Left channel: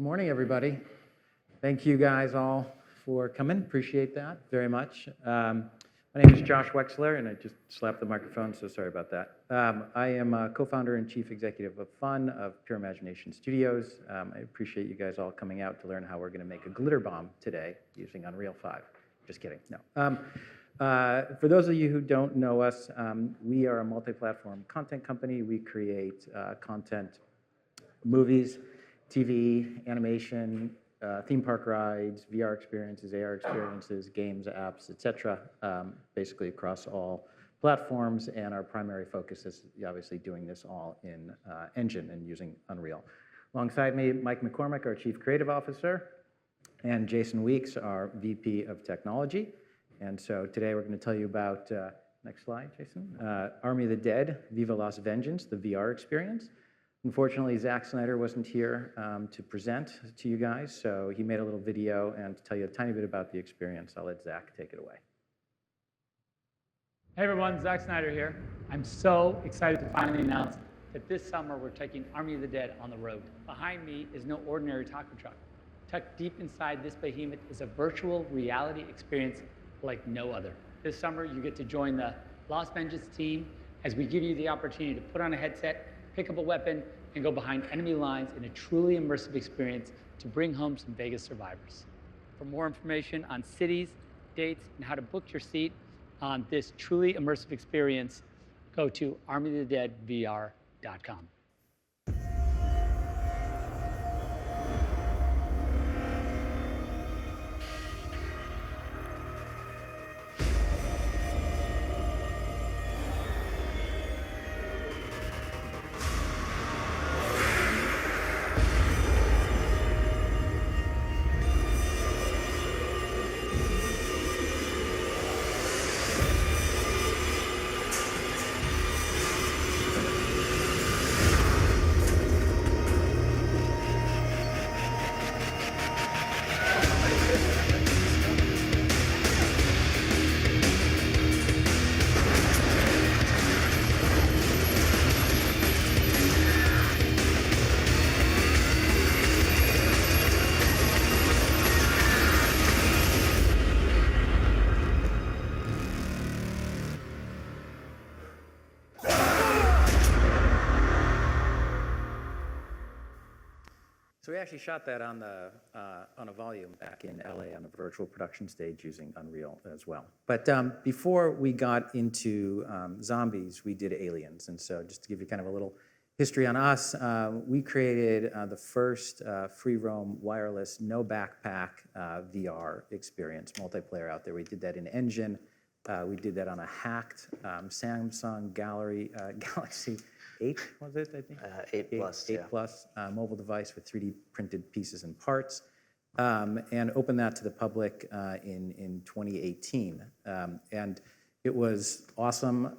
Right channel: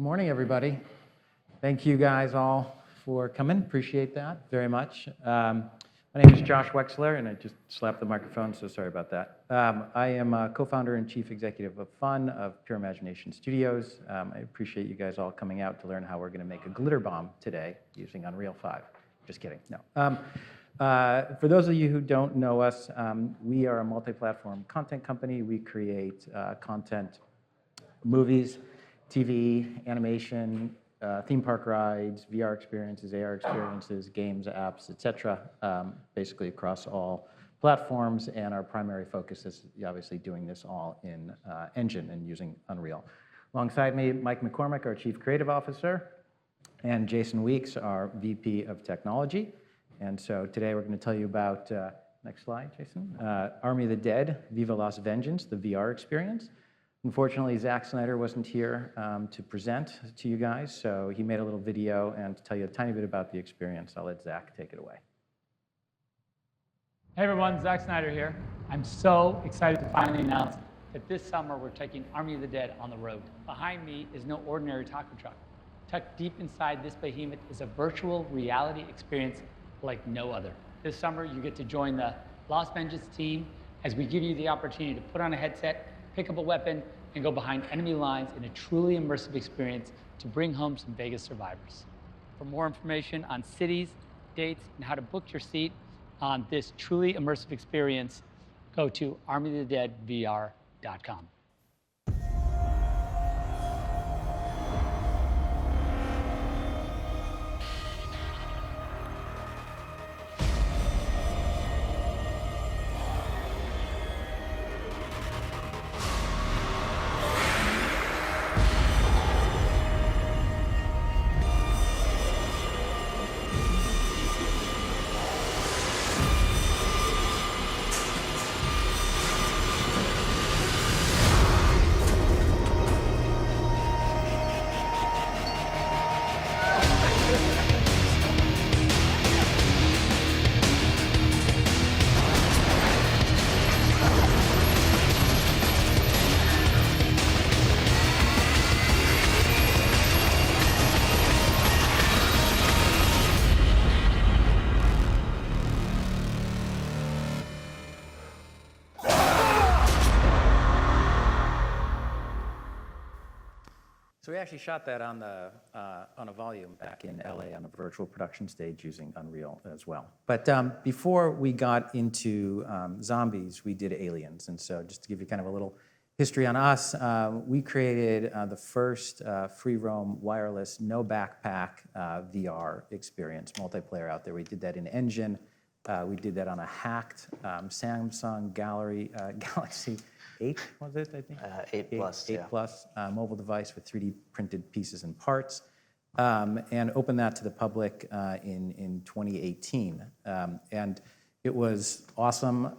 Good morning, everybody. Thank you guys all for coming. Appreciate that very much. My name is Josh Wexler, and I just slapped the microphone, so sorry about that. I am co-founder and chief executive of Fun of Pure Imagination Studios. I appreciate you guys all coming out to learn how we're going to make a glitter bomb today using Unreal 5. Just kidding, no. For those of you who don't know us, we are a multi-platform content company. We create content, movies, TV, animation, theme park rides, VR experiences, AR experiences, games, apps, etc. Basically across all platforms, and our primary focus is obviously doing this all in Engine and using Unreal. Alongside me, Mike McCormick, our Chief Creative Officer, and Jason Weeks, our VP of Technology. And so today we're going to tell you about, next slide, Jason, Army of the Dead, Viva Las Vengeance, the VR experience. Unfortunately, Zack Snyder wasn't here to present to you guys, so he made a little video and to tell you a tiny bit about the experience. I'll let Zack take it away. Hey everyone, Zack Snyder here. I'm so excited to finally announce that this summer we're taking Army of the Dead on the road. Behind me is no ordinary taco truck. Tucked deep inside this behemoth is a virtual reality experience like no other. This summer you get to join the Las Vengeance team as we give you the opportunity to put on a headset, pick up a weapon, and go behind enemy lines in a truly immersive experience to bring home some Vegas survivors. For more information on cities, dates, and how to book your seat on this truly immersive experience, go to armyofthedeadvr.com. So we actually shot that on a volume back in LA on a virtual production stage using Unreal as well. But before we got into zombies, we did aliens. And so just to give you kind of a little history on us, we created the first free roam wireless, no backpack VR experience, multiplayer out there. We did that in Engine. We did that on a hacked Samsung Galaxy 8, was it, I think? 8 Plus, 8 yeah. Plus mobile device with 3D printed pieces and parts, and opened that to the public in 2018. And it was awesome.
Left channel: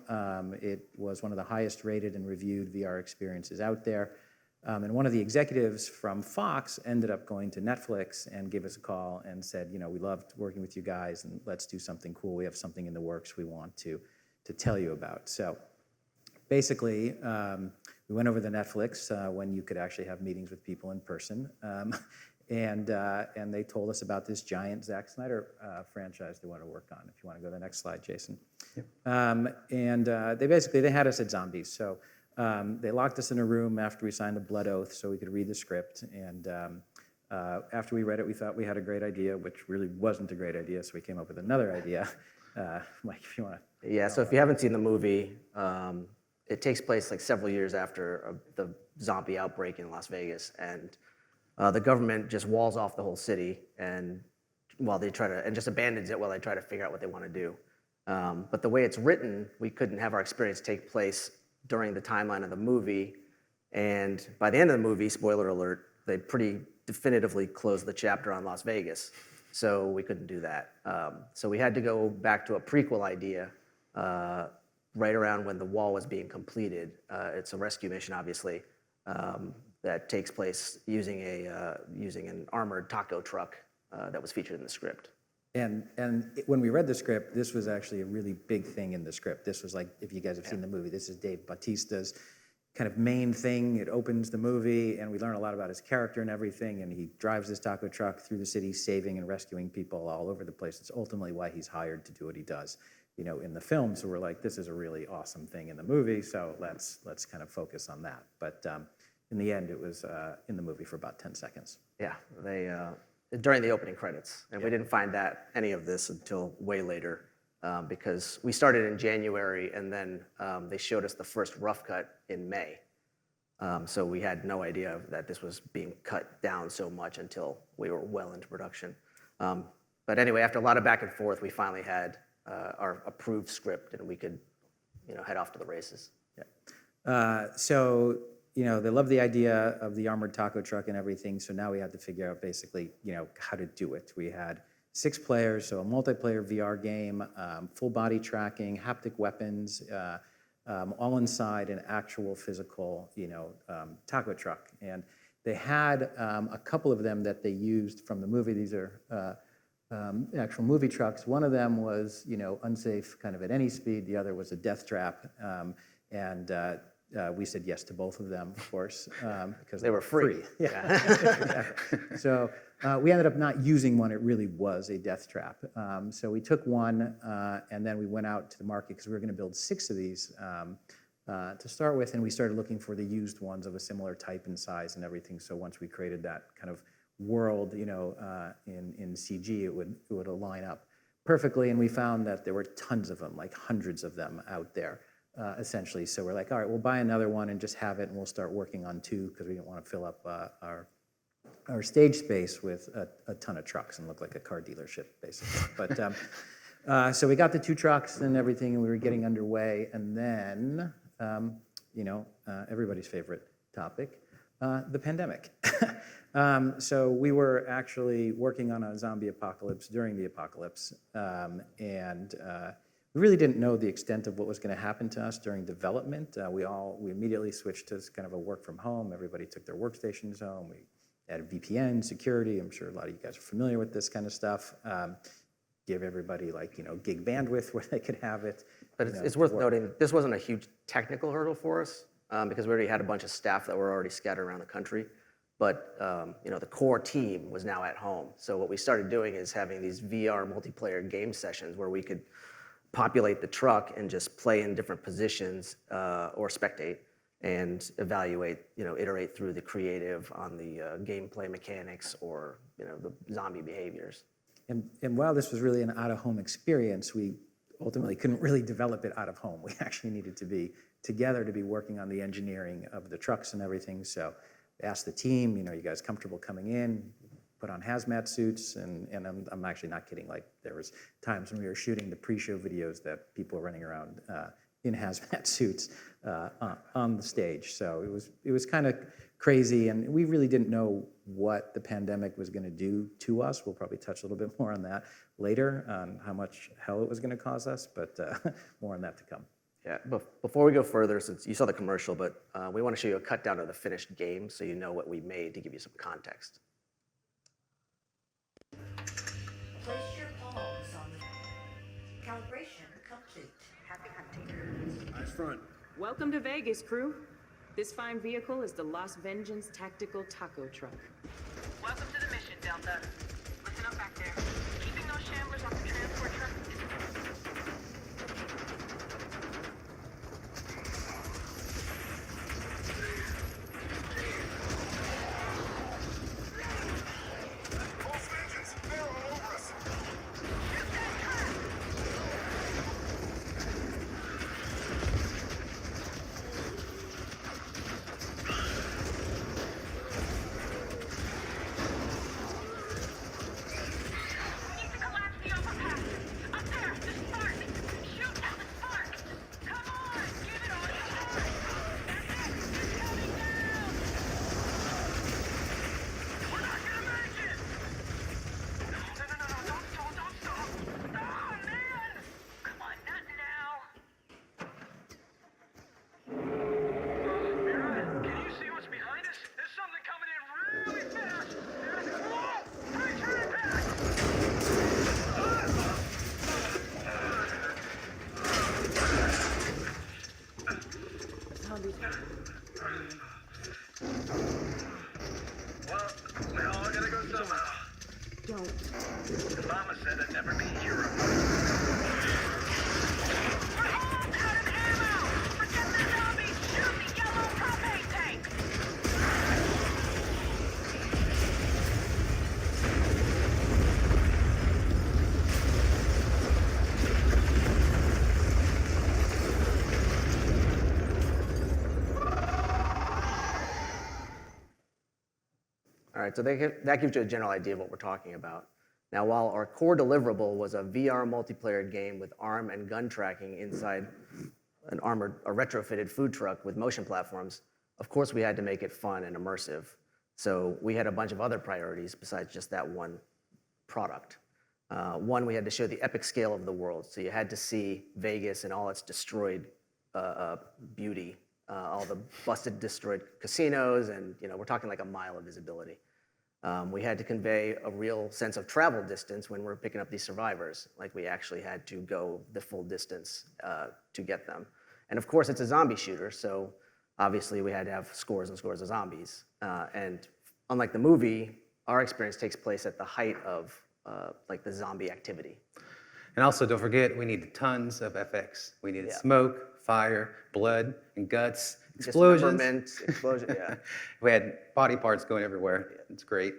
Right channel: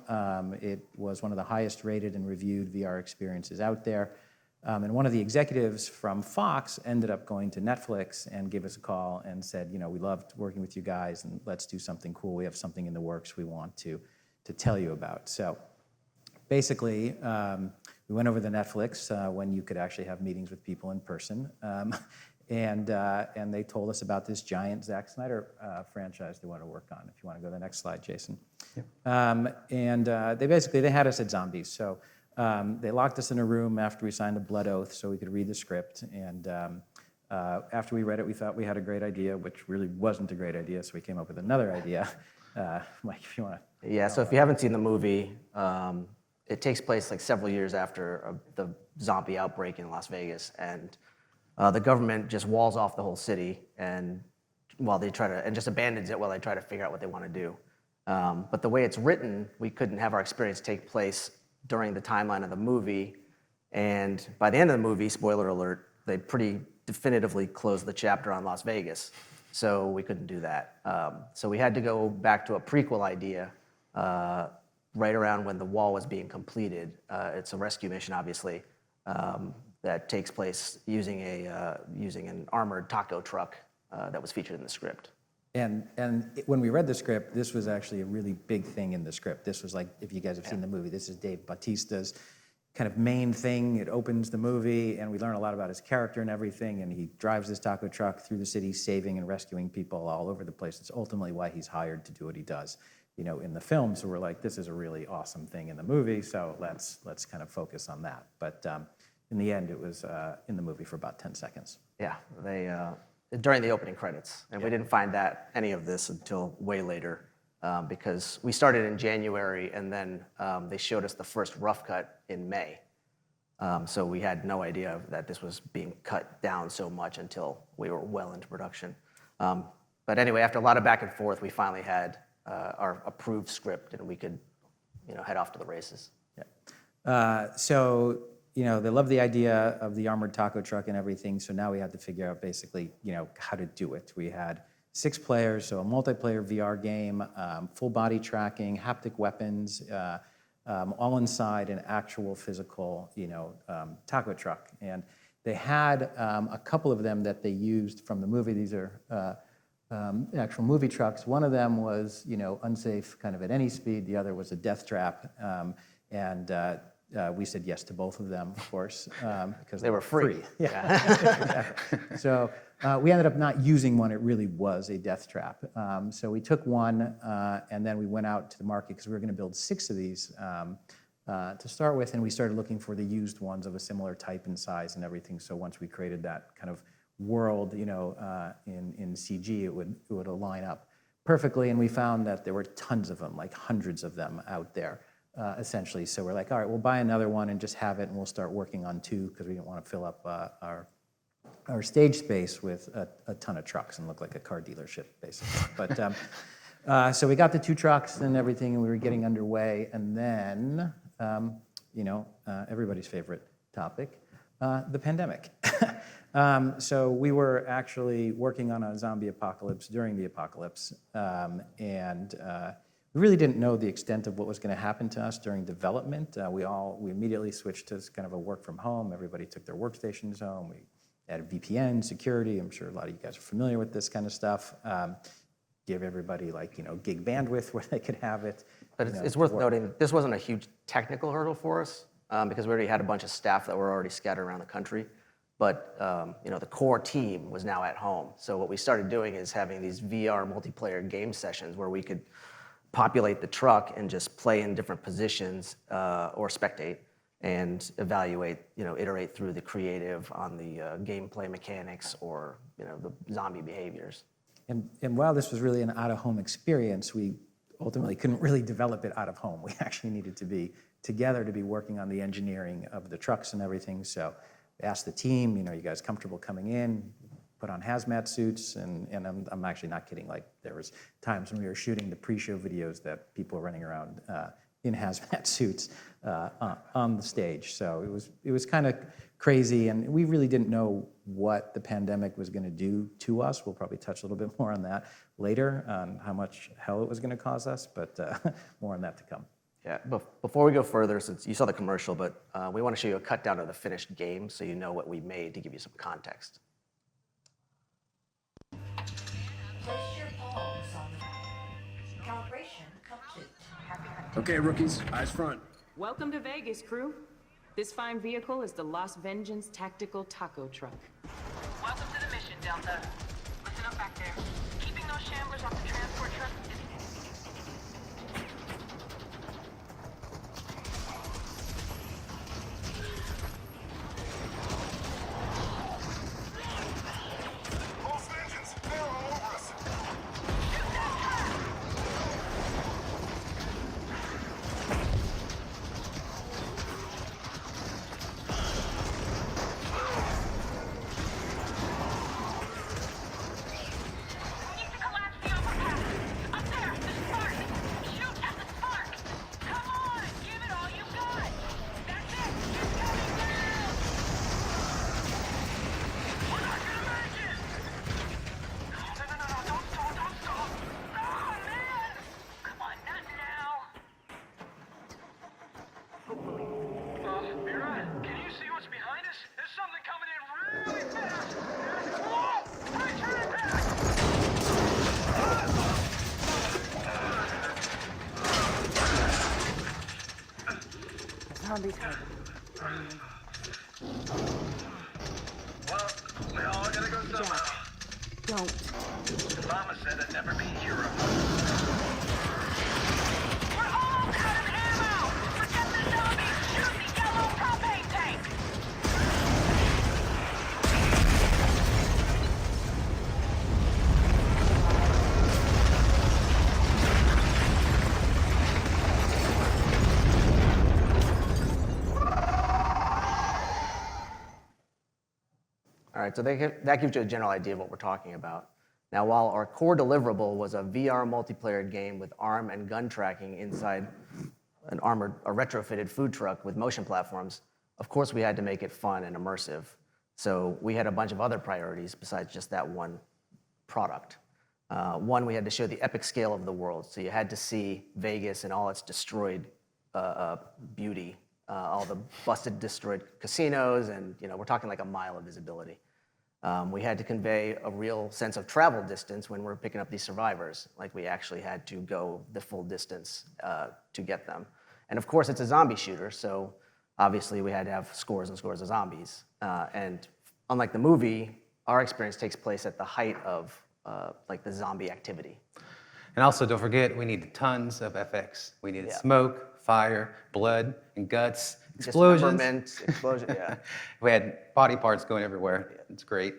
It was one of the highest rated and reviewed VR experiences out there. And one of the executives from Fox ended up going to Netflix and gave us a call and said, you know, we loved working with you guys, and let's do something cool. We have something in the works we want to tell you about. So basically, we went over to Netflix when you could actually have meetings with people in person, and they told us about this giant Zack Snyder franchise they want to work on. If you want to go to the next slide, Jason. Yep. They had us at zombies. So they locked us in a room after we signed a blood oath so we could read the script. And after we read it, we thought we had a great idea, which really wasn't a great idea. So we came up with another idea. Mike, if you want to. Yeah. So if you haven't seen the movie, it takes place like several years after the zombie outbreak in Las Vegas, and the government just walls off the whole city, and just abandons it while they try to figure out what they want to do. But the way it's written, we couldn't have our experience take place during the timeline of the movie, and by the end of the movie, spoiler alert, they pretty definitively closed the chapter on Las Vegas, so we couldn't do that. So we had to go back to a prequel idea. Right around when the wall was being completed. It's a rescue mission, obviously, that takes place using an armored taco truck that was featured in the script. And when we read the script, this was actually a really big thing in the script. This was like, if you guys have seen the movie, this is Dave Bautista's kind of main thing. It opens the movie, and we learn a lot about his character and everything, and he drives this taco truck through the city, saving and rescuing people all over the place. It's ultimately why he's hired to do what he does, you know, in the film. So we're like, this is a really awesome thing in the movie, so let's kind of focus on that. But in the end, it was in the movie for about 10 seconds. Yeah, they during the opening credits, and we didn't find any of this until way later, because we started in January, and then they showed us the first rough cut in May. So we had no idea that this was being cut down so much until we were well into production. But anyway, after a lot of back and forth, we finally had our approved script, and we could, you know, head off to the races. So, you know, they love the idea of the armored taco truck and everything. So now we had to figure out basically, you know, how to do it. We had 6 players, so a multiplayer VR game, full body tracking, haptic weapons, all inside an actual physical, you know, taco truck. And they had a couple of them that they used from the movie. These are actual movie trucks. One of them was, you know, unsafe kind of at any speed. The other was a death trap. We said yes to both of them, of course, because They were free. Yeah. So we ended up not using one. It really was a death trap. So we took one, and then we went out to the market because we were going to build 6 of these to start with, and we started looking for the used ones of a similar type and size and everything. So once we created that kind of world, you know, in CG, it would align up perfectly. And we found that there were tons of them, like hundreds of them out there. Essentially, so we're like, all right, we'll buy another one and just have it, and we'll start working on 2 because we didn't want to fill up our stage space with a ton of trucks and look like a car dealership, basically. But so we got the 2 trucks and everything, and we were getting underway, and then, you know, everybody's favorite topic, the pandemic. So we were actually working on a zombie apocalypse during the apocalypse, and we really didn't know the extent of what was going to happen to us during development. We immediately switched to kind of a work from home. Everybody took their workstations home. We added VPN security. I'm sure a lot of you guys are familiar with this kind of stuff. Give everybody, like, you know, gig bandwidth where they could have it. But it's worth noting, this wasn't a huge technical hurdle for us, because we already had a bunch of staff that were already scattered around the country. But you know, the core team was now at home. So what we started doing is having these VR multiplayer game sessions where we could populate the truck and just play in different positions or spectate and evaluate, you know, iterate through the creative on the gameplay mechanics or, you know, the zombie behaviors. And while this was really an out-of-home experience, we ultimately couldn't really develop it out of home. We actually needed to be together to be working on the engineering of the trucks and everything. So we asked the team, you know, you guys comfortable coming in? Put on hazmat suits, and I'm actually not kidding. Like, there was times when we were shooting the pre-show videos that people were running around in hazmat suits on the stage. So it was kind of crazy, and we really didn't know what the pandemic was going to do to us. We'll probably touch a little bit more on that later, on how much hell it was going to cause us, but more on that to come. Yeah, but before we go further, since you saw the commercial, but we want to show you a cut down of the finished game so you know what we made to give you some context. Place your palms on calibration complete. Okay, rookies, eyes front. Welcome to Vegas, crew. This fine vehicle is the Las Vengeance Tactical Taco Truck. Welcome to the mission, Delta. Listen up back there. Keeping those shamblers off the transport truck is All right, so that gives you a general idea of what we're talking about. Now, while our core deliverable was a VR multiplayer game with arm and gun tracking inside a retrofitted food truck with motion platforms, of course we had to make it fun and immersive. So we had a bunch of other priorities besides just that one product. One, we had to show the epic scale of the world. So you had to see Vegas and all its destroyed beauty, all the busted, destroyed casinos, and we're talking like a mile of visibility. We had to convey a real sense of travel distance when we're picking up these survivors, like we actually had to go the full distance to get them. And of course, it's a zombie shooter, so obviously we had to have scores and scores of zombies. And unlike the movie, our experience takes place at the height of like the zombie activity. And also, don't forget, we needed tons of FX. We needed smoke, fire, blood, and guts, explosions. Dismemberment, explosion, yeah. We had body parts going everywhere. It's great.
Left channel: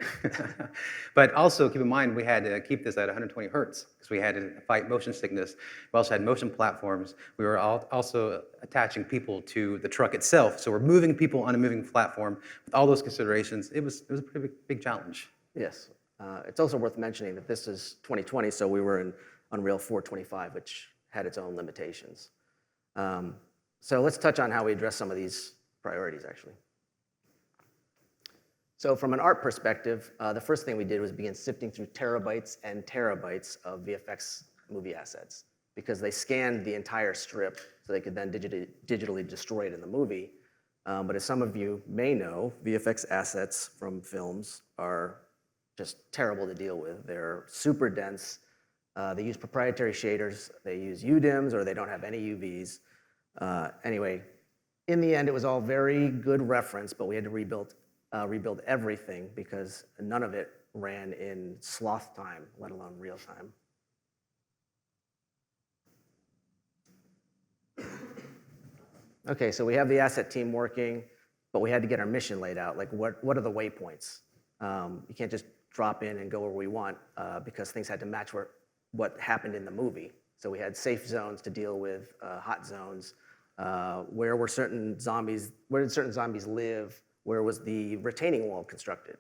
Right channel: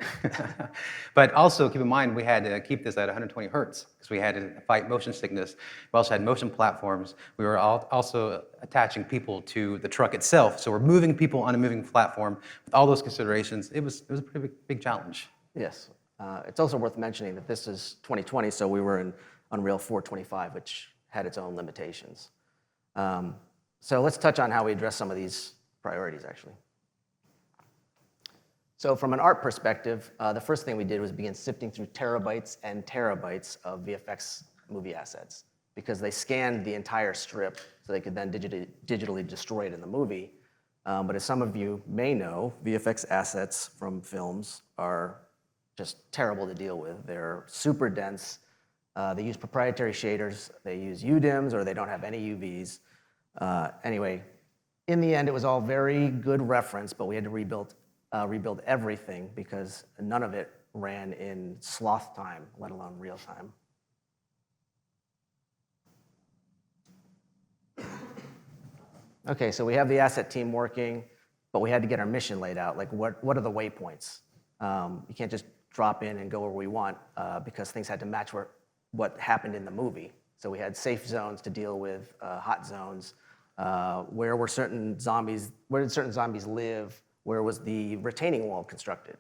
But also, keep in mind, we had to keep this at 120 hertz because we had to fight motion sickness. We also had motion platforms. We were also attaching people to the truck itself. So we're moving people on a moving platform. With all those considerations, it was a pretty big challenge. Yes. It's also worth mentioning that this is 2020, so we were in Unreal 425, which had its own limitations. So let's touch on how we address some of these priorities, actually. So from an art perspective, the first thing we did was begin sifting through terabytes and terabytes of VFX movie assets because they scanned the entire strip so they could then digitally destroy it in the movie. But as some of you may know, VFX assets from films are just terrible to deal with. They're super dense. They use proprietary shaders. They use UDIMs, or they don't have any UVs. Anyway, in the end, it was all very good reference, but we had to rebuild everything because none of it ran in sloth time, let alone real time. Okay, so we have the asset team working, but we had to get our mission laid out. Like, what are the waypoints? You can't just drop in and go where we want because things had to match what happened in the movie. So we had safe zones to deal with, hot zones. Where did certain zombies live? Where was the retaining wall constructed?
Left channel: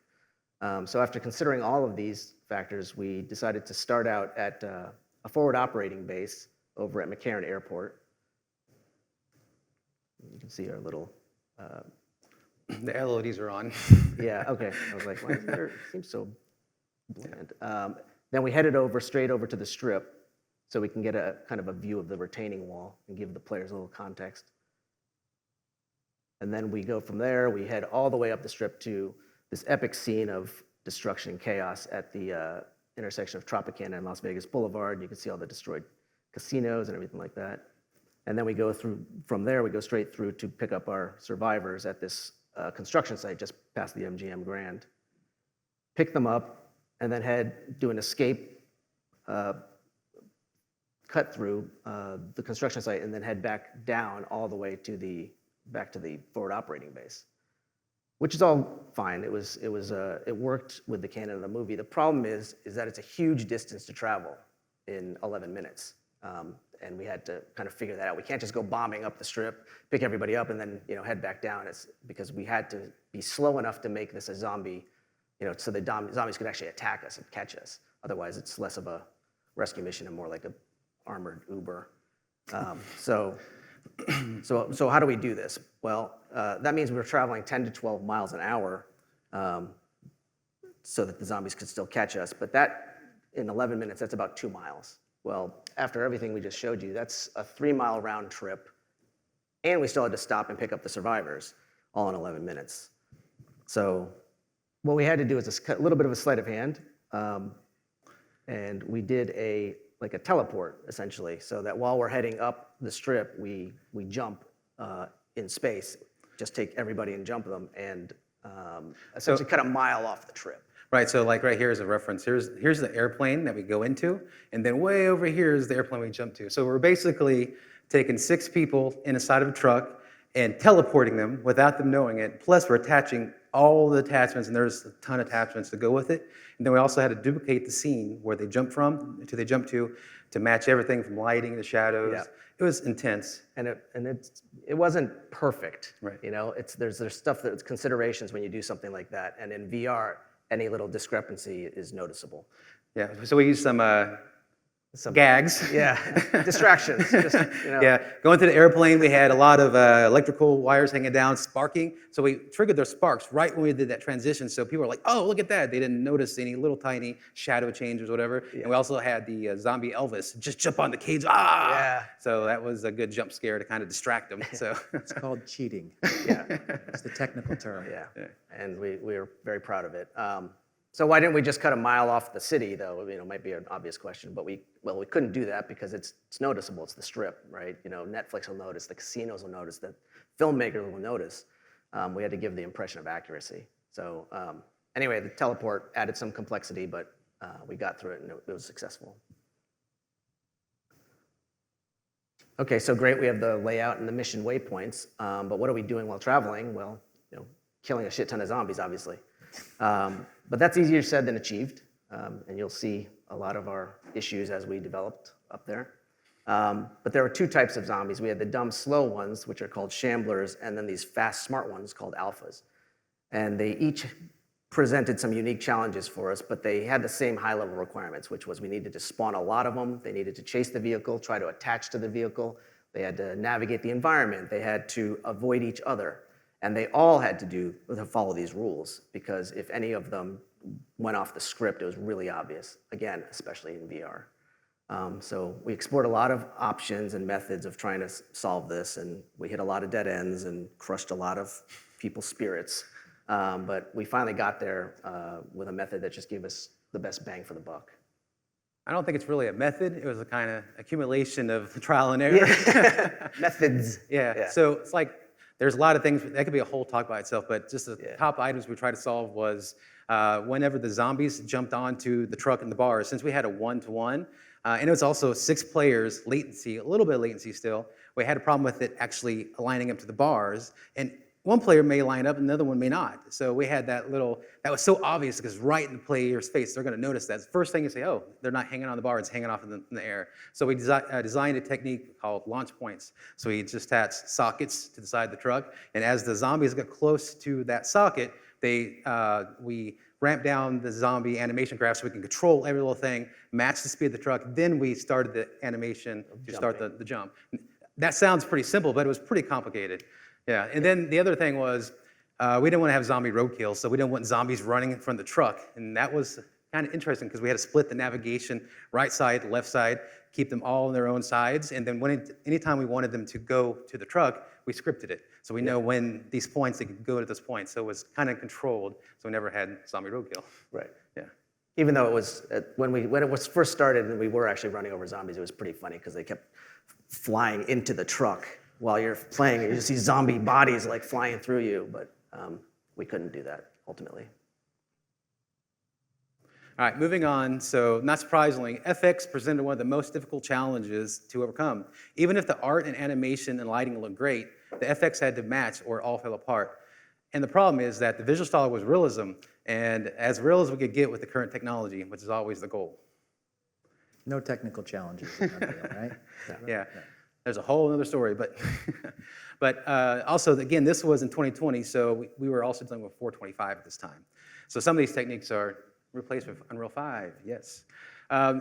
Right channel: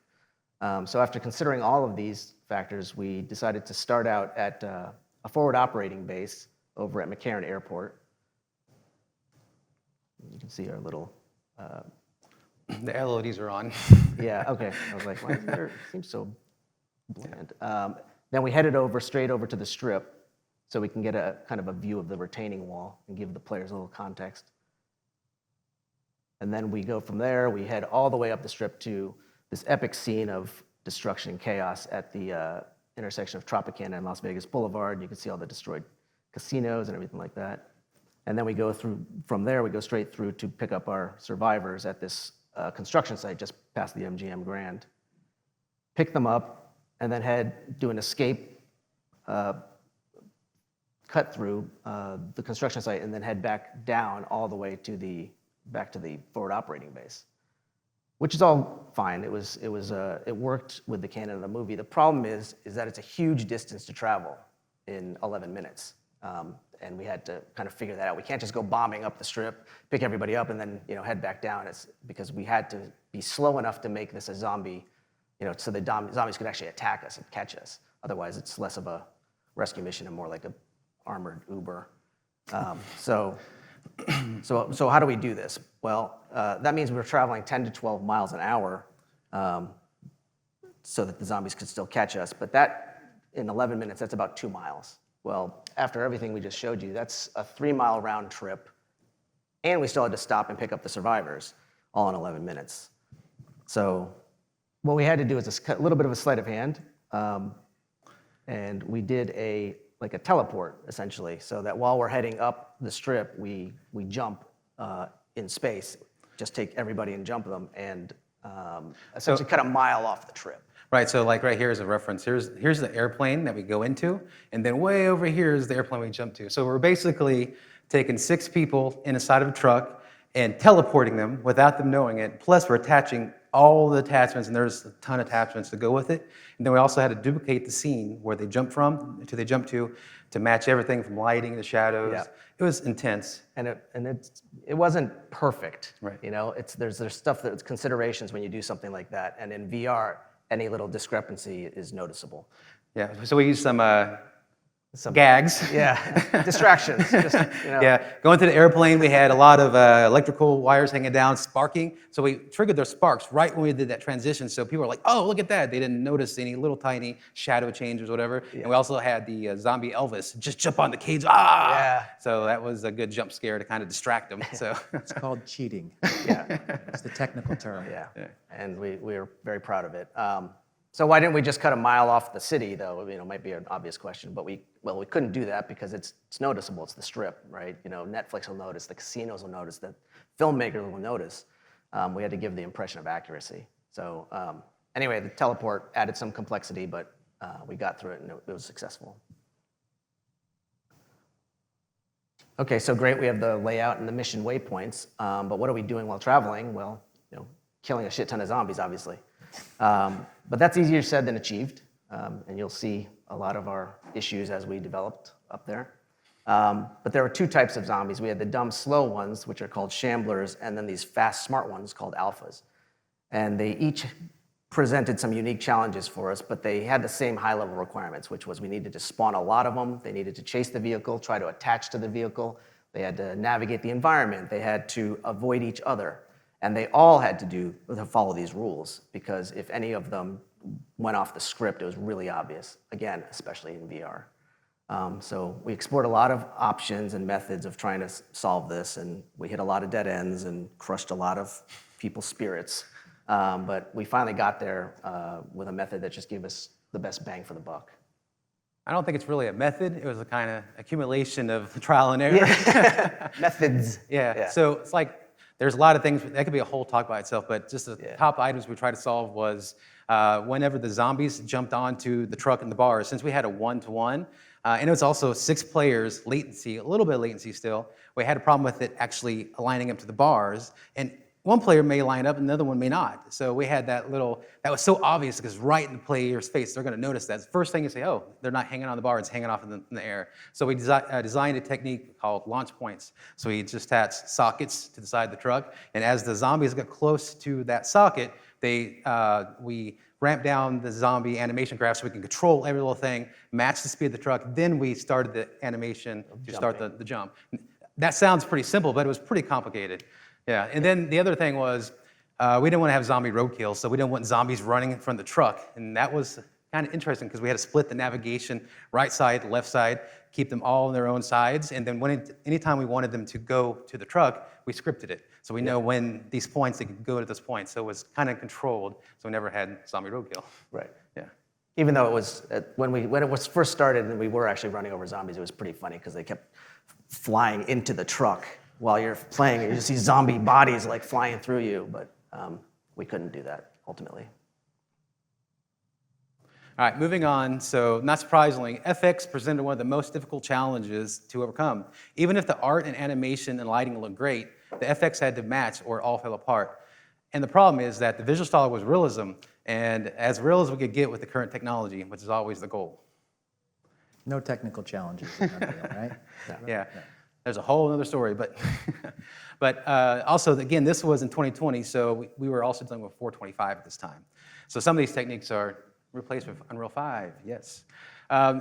So after considering all of these factors, we decided to start out at a forward operating base over at McCarran Airport. You can see our little... The LODs are on. Yeah, okay. I was like, why is there, it seems so bland. Then we headed straight over to the strip so we can get a kind of a view of the retaining wall and give the players a little context. And then we go from there, we head all the way up the strip to this epic scene of destruction and chaos at the intersection of Tropicana and Las Vegas Boulevard. You can see all the destroyed casinos and everything like that. And then we go from there, we go straight through to pick up our survivors at this construction site just past the MGM Grand. Pick them up, and then do an escape cut through the construction site, and then head back down all the way to back to the forward operating base, which is all fine. It worked with the canon of the movie. The problem is that it's a huge distance to travel in 11 minutes. And we had to kind of figure that out. We can't just go bombing up the strip, pick everybody up, and then head back down. It's because we had to be slow enough to make this a zombie, so the zombies could actually attack us and catch us. Otherwise, it's less of a rescue mission and more like a armored Uber. So how do we do this? Well, that means we're traveling 10 to 12 miles an hour so that the zombies could still catch us. But that, in 11 minutes, that's about 2 miles. Well, after everything we just showed you, that's a 3-mile round trip, and we still had to stop and pick up the survivors, all in 11 minutes. So what we had to do is a little bit of a sleight of hand, and we did a teleport, essentially, so that while we're heading up the strip, we jump in space, just take everybody and jump them, and essentially cut a mile off the trip. Right, so like right here is a reference. Here's the airplane that we go into, and then way over here is the airplane we jump to. So we're basically taking 6 people inside of a truck and teleporting them without them knowing it. Plus, we're attaching all the attachments, and there's a ton of attachments to go with it. And then we also had to duplicate the scene where they jump from to they jump to match everything from lighting to shadows. Yeah. It was intense. And it wasn't perfect. Right. There's stuff that's considerations when you do something like that. And in VR, any little discrepancy is noticeable. Yeah, so we use some gags. Yeah, distractions. Just, Yeah, going to the airplane, we had a lot of electrical wires hanging down, sparking. So we triggered their sparks right when we did that transition. So people were like, "Oh, look at that!" They didn't notice any little tiny shadow changes or whatever. And we also had the zombie Elvis just jump on the cage. Ah! Yeah. So that was a good jump scare to kind of distract them. So It's called cheating. Yeah. It's the technical term. Yeah, and we were very proud of it. So why didn't we just cut a mile off the city, though? Might be an obvious question, but we couldn't do that because it's noticeable. It's the Strip, right? Netflix will notice, the casinos will notice, the filmmakers will notice. We had to give the impression of accuracy. So anyway, the teleport added some complexity, but we got through it and it was successful. Okay, so great. We have the layout and the mission waypoints, but what are we doing while traveling? Well, killing a shit ton of zombies, obviously. But that's easier said than achieved, and you'll see a lot of our issues as we developed up there. But there were two types of zombies. We had the dumb, slow ones, which are called shamblers, and then these fast, smart ones called alphas. And they each presented some unique challenges for us, but they had the same high-level requirements, which was we needed to spawn a lot of them. They needed to chase the vehicle, try to attach to the vehicle. They had to navigate the environment. They had to avoid each other. And they all had to follow these rules, because if any of them went off the script, it was really obvious, again, especially in VR. So we explored a lot of options and methods of trying to solve this, and we hit a lot of dead ends and crushed a lot of people's spirits. But we finally got there with a method that just gave us the best bang for the buck. I don't think it's really a method. It was a kind of accumulation of trial and error. Methods. Yeah. So it's like, there's a lot of things, that could be a whole talk by itself, but just the top items we tried to solve was whenever the zombies jumped onto the truck and the bars, since we had a 1-to-1, and it was also 6 players, latency, a little bit of latency still, we had a problem with it actually aligning up to the bars, and one player may line up and another one may not. So we had that was so obvious because right in the player's face, they're gonna notice that. The first thing you say, oh, they're not hanging on the bar, it's hanging off in the air. So we designed a technique called launch points. So we just attached sockets to the side of the truck, and as the zombies get close to that socket, we ramp down the zombie animation graph so we can control every little thing, match the speed of the truck, then we started the animation to start the jump. That sounds pretty simple, but it was pretty complicated. Yeah, and then the other thing was we didn't want to have zombie roadkill, so we didn't want zombies running in front of the truck. And that was kind of interesting because we had to split the navigation right side, left side, keep them all on their own sides. And then anytime we wanted them to go to the truck, we scripted it. So we know when these points, they could go to this point. So it was kind of controlled, so we never had zombie roadkill. Right. Yeah. Even though it was, when it was first started and we were actually running over zombies, it was pretty funny because they kept flying into the truck while you're playing. You just see zombie bodies like flying through you, but we couldn't do that ultimately. All right, moving on. So not surprisingly, FX presented one of the most difficult challenges to overcome. Even if the art and animation and lighting looked great, the FX had to match or it all fell apart. And the problem is that the visual style was realism, and as real as we could get with the current technology, which is always the goal. No technical challenges in Unreal, right? Yeah. There's a whole other story, but also, again, this was in 2020, so we were also dealing with 425 at this time. So some of these techniques are replaced with Unreal 5, yes.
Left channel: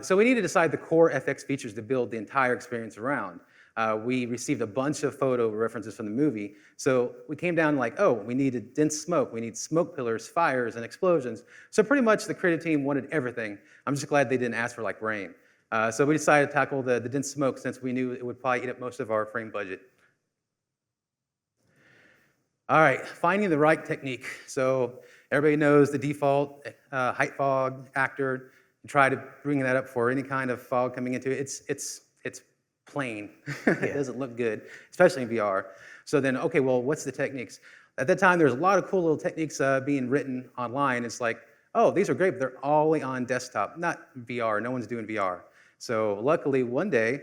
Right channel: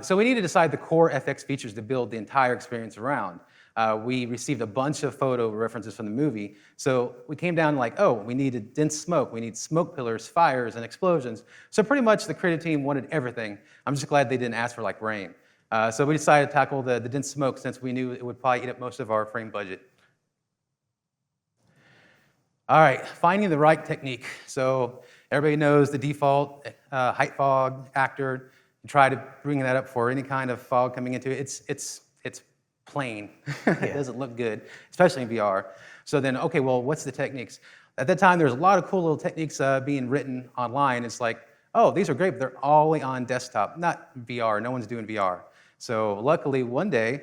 So we need to decide the core FX features to build the entire experience around. We received a bunch of photo references from the movie, so we came down like, oh, we needed dense smoke, we need smoke pillars, fires, and explosions. So pretty much the creative team wanted everything. I'm just glad they didn't ask for like rain. So we decided to tackle the dense smoke since we knew it would probably eat up most of our frame budget. All right, finding the right technique. So everybody knows the default height fog actor. You try to bring that up for any kind of fog coming into it. It's plain. It doesn't look good, especially in VR. So then, okay, well, what's the techniques? At that time, there's a lot of cool little techniques being written online. It's like, oh, these are great, but they're only on desktop, not VR. No one's doing VR. So luckily, one day,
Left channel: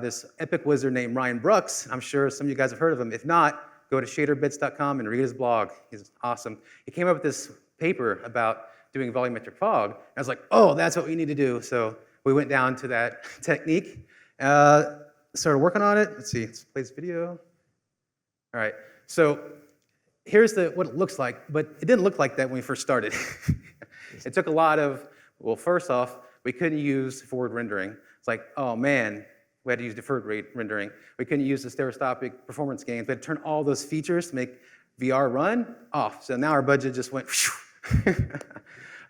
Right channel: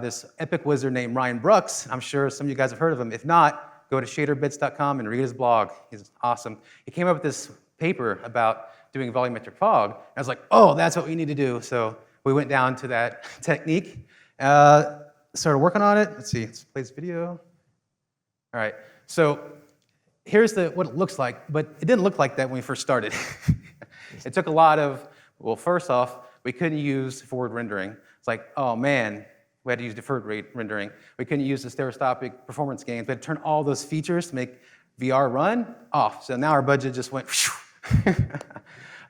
this epic wizard named Ryan Brooks, I'm sure some of you guys have heard of him. If not, go to shaderbits.com and read his blog. He's awesome. He came up with this paper about doing volumetric fog. And I was like, oh, that's what we need to do. So we went down to that technique, started working on it. Let's see, let's play this video. All right, so here's what it looks like, but it didn't look like that when we first started. It took a lot of, well, first off, we couldn't use forward rendering. It's like, oh man, we had to use deferred rate rendering. We couldn't use the stereoscopic performance gains. We had to turn all those features to make VR run off. So now our budget just went,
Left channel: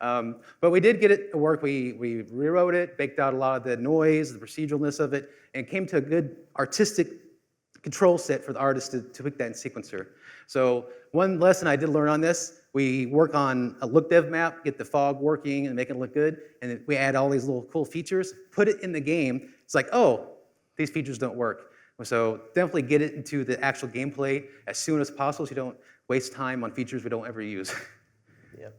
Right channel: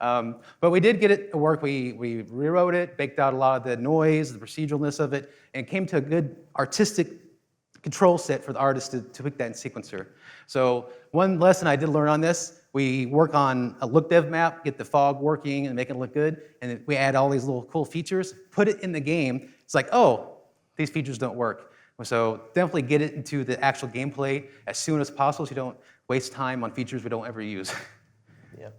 but we did get it to work. We rewrote it, baked out a lot of the noise, the proceduralness of it, and came to a good artistic control set for the artist to pick that in sequencer. So one lesson I did learn on this, we work on a look dev map, get the fog working and make it look good, and then we add all these little cool features, put it in the game. It's like, oh, these features don't work. So definitely get it into the actual gameplay as soon as possible so you don't waste time on features we don't ever use. Yep.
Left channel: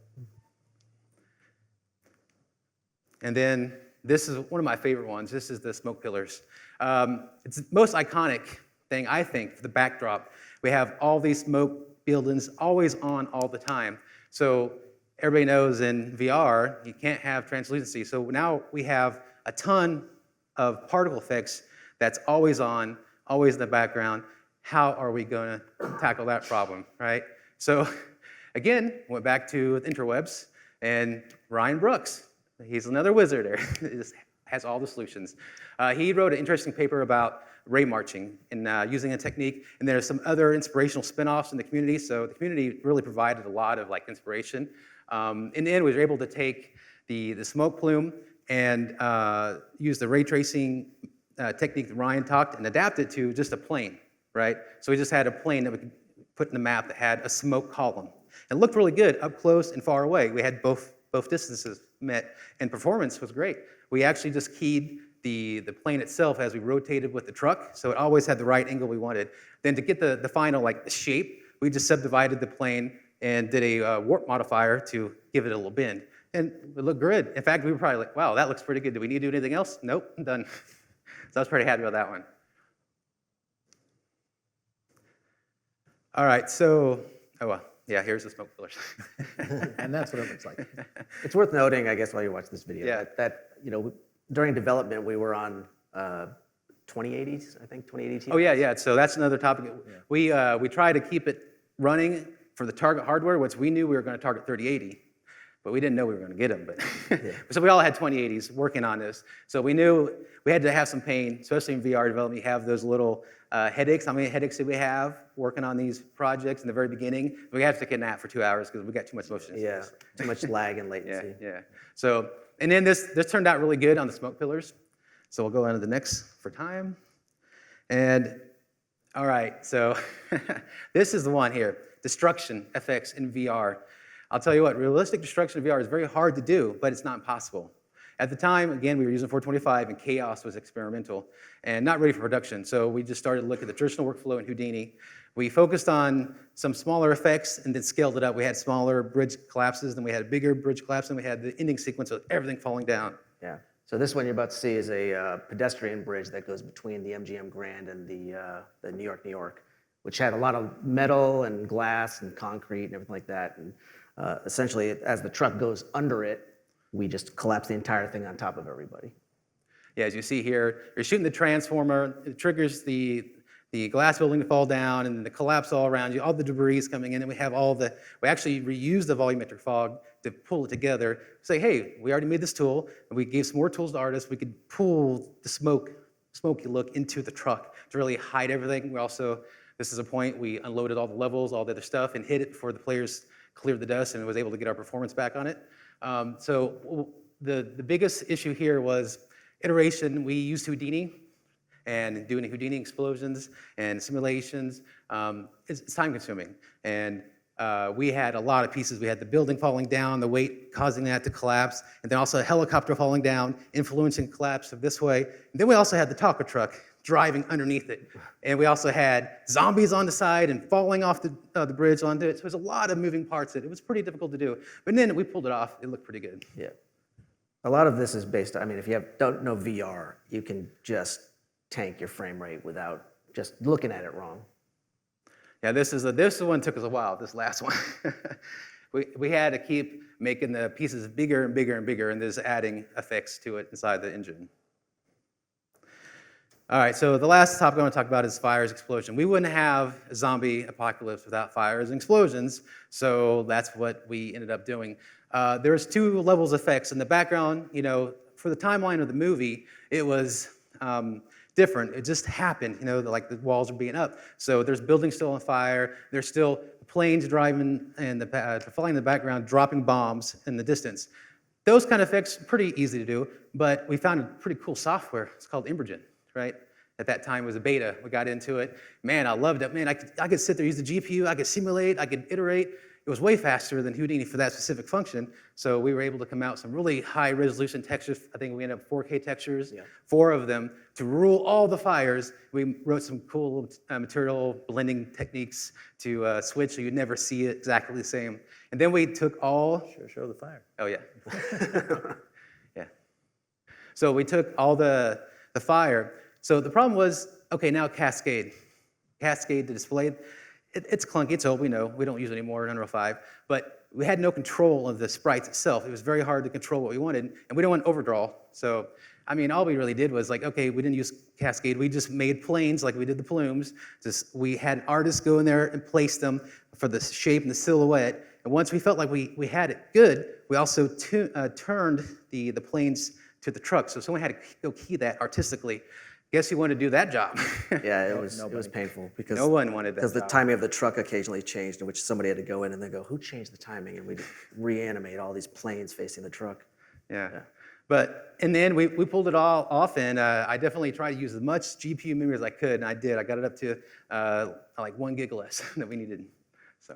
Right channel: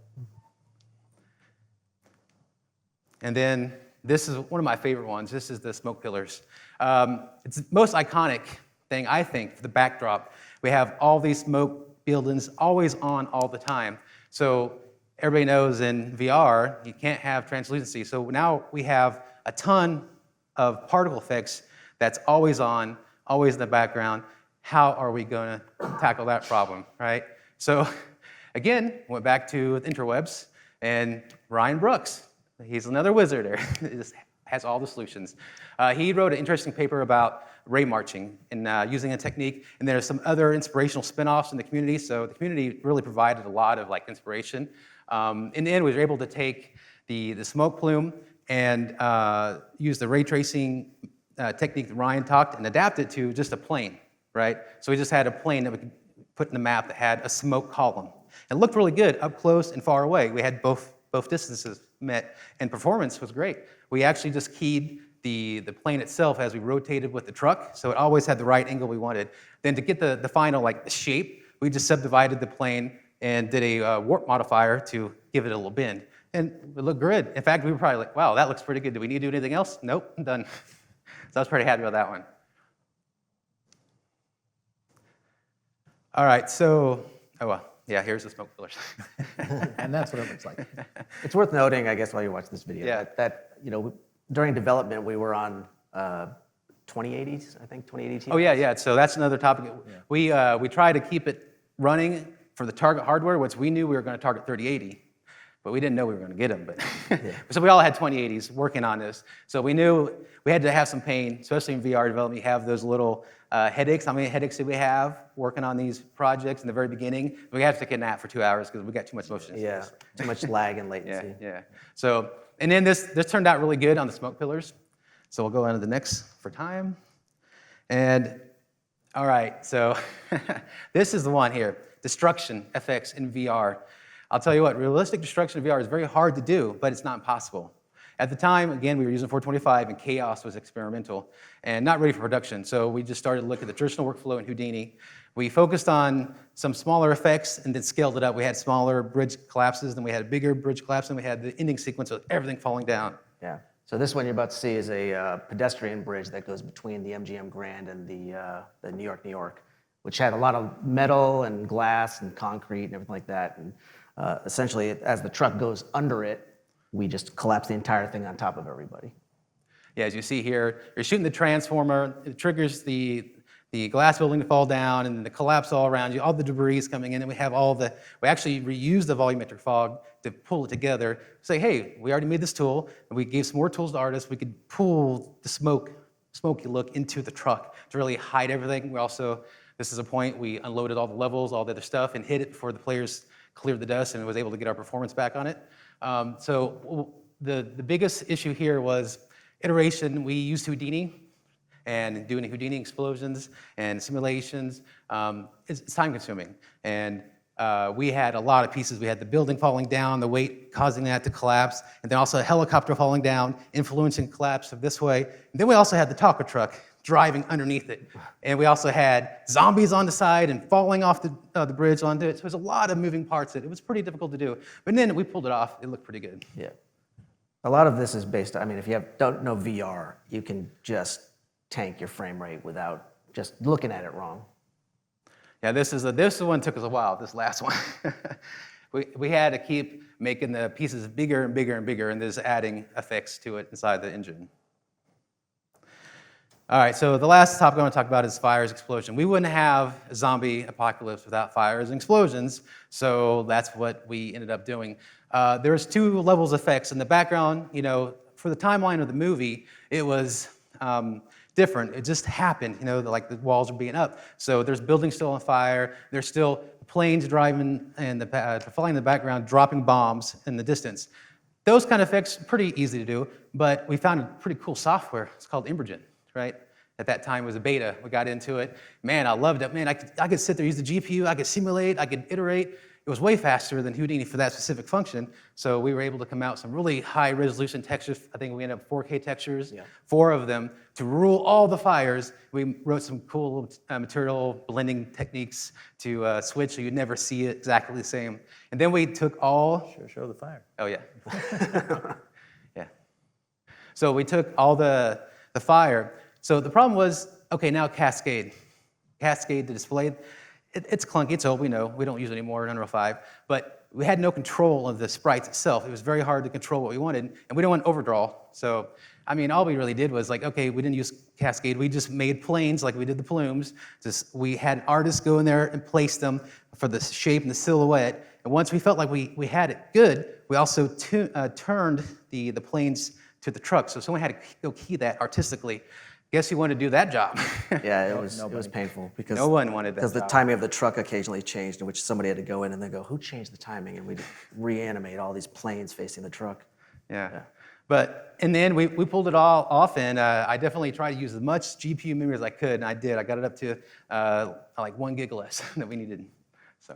And then this is one of my favorite ones. This is the smoke pillars. It's the most iconic thing, I think, for the backdrop. We have all these smoke buildings always on all the time. So everybody knows in VR, you can't have translucency. So now we have a ton of particle effects that's always on, always in the background. How are we going to tackle that problem, right? So again, went back to the interwebs, and Ryan Brooks, he's another wizard there, just has all the solutions. He wrote an interesting paper about ray marching and using a technique, and there's some other inspirational spin-offs in the community, so the community really provided a lot of inspiration. In the end, we were able to take the smoke plume and use the ray tracing technique that Ryan talked and adapt it to just a plane, right? So we just had a plane that we could put in the map that had a smoke column. It looked really good up close and far away. We had both distances met, and performance was great. We actually just keyed the plane itself as we rotated with the truck, so it always had the right angle we wanted. Then to get the final the shape, we just subdivided the plane and did a warp modifier to give it a little bend. And it looked good. In fact, we were probably like, wow, that looks pretty good. Do we need to do anything else? Nope, I'm done. So I was pretty happy with that one. All right, so, oh well, yeah, here's the smoke pillars. And that's what it looks like. It's worth noting, I guess, while you watch this video, Yeah. that during development, we were on 2080s, I think, 2080. Oh yeah. So that's another topic. We try to keep it running for the target hardware, which we knew we were going to target 3080, but we didn't know we were going to get them. But so we all had 2080s working on this. So we knew we had to have some pain, especially in VR development. You have those little headaches. How many headaches did we have working on these projects in the very beginning? We had to take a nap for 2 hours because we got too much motion. Yeah, too much lag and latency. Yeah. So, and then this turned out really good on the smoke pillars. So we'll go on to the next for time. And all right, so this is the one here, destruction effects in VR. I'll tell you what, realistic destruction in VR is very hard to do, but it's not impossible. At the time, again, we were using 425 and Chaos was experimental and not ready for production. So we just started to look at the traditional workflow in Houdini. We focused on some smaller effects and then scaled it up. We had smaller bridge collapses, then we had a bigger bridge collapse, and we had the ending sequence of everything falling down. Yeah. So this one you're about to see is a pedestrian bridge that goes between the MGM Grand and the New York, which had a lot of metal and glass and concrete and everything like that. And essentially, as the truck goes under it, we just collapse the entire thing on top of everybody. Yeah, as you see here, you're shooting the transformer, it triggers the glass building to fall down and the collapse all around you, all the debris is coming in, and we have we actually reuse the volumetric fog to pull it together. Say, hey, we already made this tool, and we gave some more tools to artists. We could pull the smoky look into the truck to really hide everything. We also, this is a point, we unloaded all the levels, all the other stuff, and hid it before the players cleared the dust and was able to get our performance back on it. So the biggest issue here was iteration. We used Houdini, and doing Houdini explosions and simulations, it's time consuming. And we had a lot of pieces. We had the building falling down, the weight causing that to collapse, and then also a helicopter falling down, influencing collapse of this way. And then we also had the taco truck driving underneath it. And we also had zombies on the side and falling off the bridge onto it. So there's a lot of moving parts. It was pretty difficult to do. But then we pulled it off. It looked pretty good. Yeah. A lot of this is based, if you don't know VR, you can just tank your frame rate without just looking at it wrong. Yeah, this one took us a while, this last one. we had to keep making the pieces bigger and bigger and bigger, and just adding effects to it inside the engine. All right, so the last topic I want to talk about is fires, explosion. We wouldn't have a zombie apocalypse without fires and explosions, so that's what we ended up doing. There's 2 levels of effects. In the background, for the timeline of the movie, it was different. It just happened, like the walls are being up. So there's buildings still on fire. There's still planes driving and flying in the background, dropping bombs in the distance. Those kind of effects, pretty easy to do, but we found a pretty cool software. It's called Immersion, right? At that time, it was a beta. We got into it. Man, I loved it. Man, I could sit there, use the GPU. I could simulate. I could iterate. It was way faster than Houdini for that specific function. So we were able to come out with some really high resolution textures. I think we ended up 4K textures, 4 of them, to rule all the fires. We wrote some cool material blending techniques to switch so you'd never see it exactly the same. And then we took all... Show the fire. Oh, yeah. Yeah. So we took all the fire. So the problem was, okay, now Cascade. Cascade, the display, it's clunky, it's old, we know. We don't use it anymore in Unreal 5. But we had no control of the sprites itself. It was very hard to control what we wanted, and we don't want overdraw. So, all we really did was okay, we didn't use Cascade. We just made planes like we did the plumes. We had artists go in there and place them for the shape and the silhouette. And once we felt like we had it good, we also turned the planes to the truck. So someone had to go key that artistically. Guess who wanted to do that job? Yeah, it was painful because No one wanted that because the job. timing of the truck occasionally changed, in which somebody had to go in and then go, "Who changed the timing?" And we'd reanimate all these planes facing the truck. Yeah. But in the end, we pulled it all off, and I definitely tried to use as much GPU memory as I could, and I did. I got it up to like 1 gig less that we needed. So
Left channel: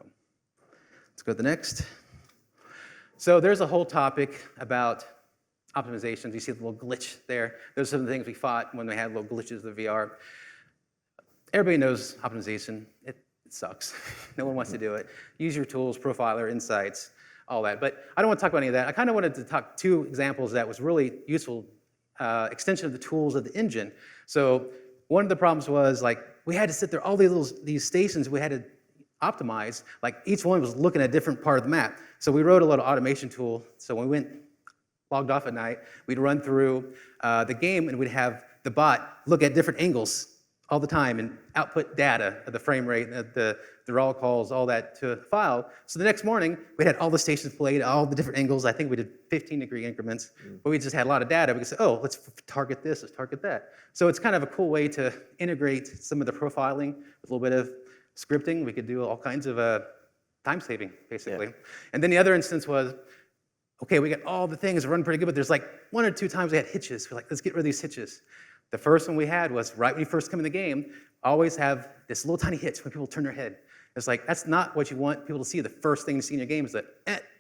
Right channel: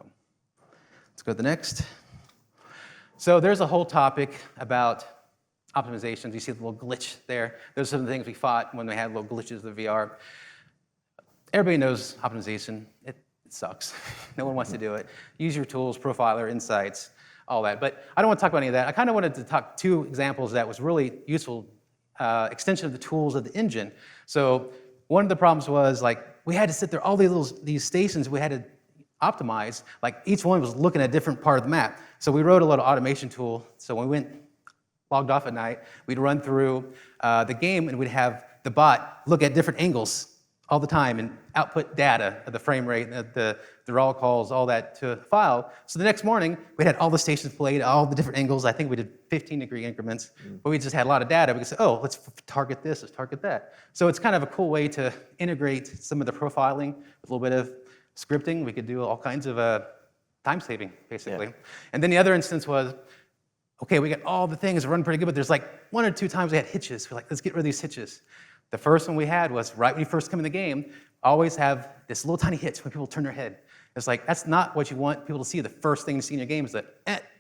let's go to the next. So there's a whole topic about optimizations. You see the little glitch there. Those are some of the things we fought when we had little glitches of VR. Everybody knows optimization. It sucks. No one wants to do it. Use your tools, Profiler, Insights, all that. But I don't want to talk about any of that. I kind of wanted to talk 2 examples that was really useful extension of the tools of the engine. So one of the problems was we had to sit there, all these stations we had to optimize, each one was looking at a different part of the map. So we wrote a little automation tool. So when we logged off at night, we'd run through the game and we'd have the bot look at different angles all the time and output data of the frame rate, the raw calls, all that to a file. So the next morning, we had all the stations played, all the different angles. I think we did 15-degree increments, but we just had a lot of data. We could say, oh, let's target this, let's target that. So it's kind of a cool way to integrate some of the profiling with a little bit of scripting. We could do all kinds of time saving, basically. Yeah. And then the other instance was, okay, we got all the things that run pretty good, but there's 1 or 2 times we had hitches. We're like, let's get rid of these hitches. The first one we had was right when you first come in the game, always have this little tiny hitch when people turn their head. It's that's not what you want people to see. The first thing to see in your game is that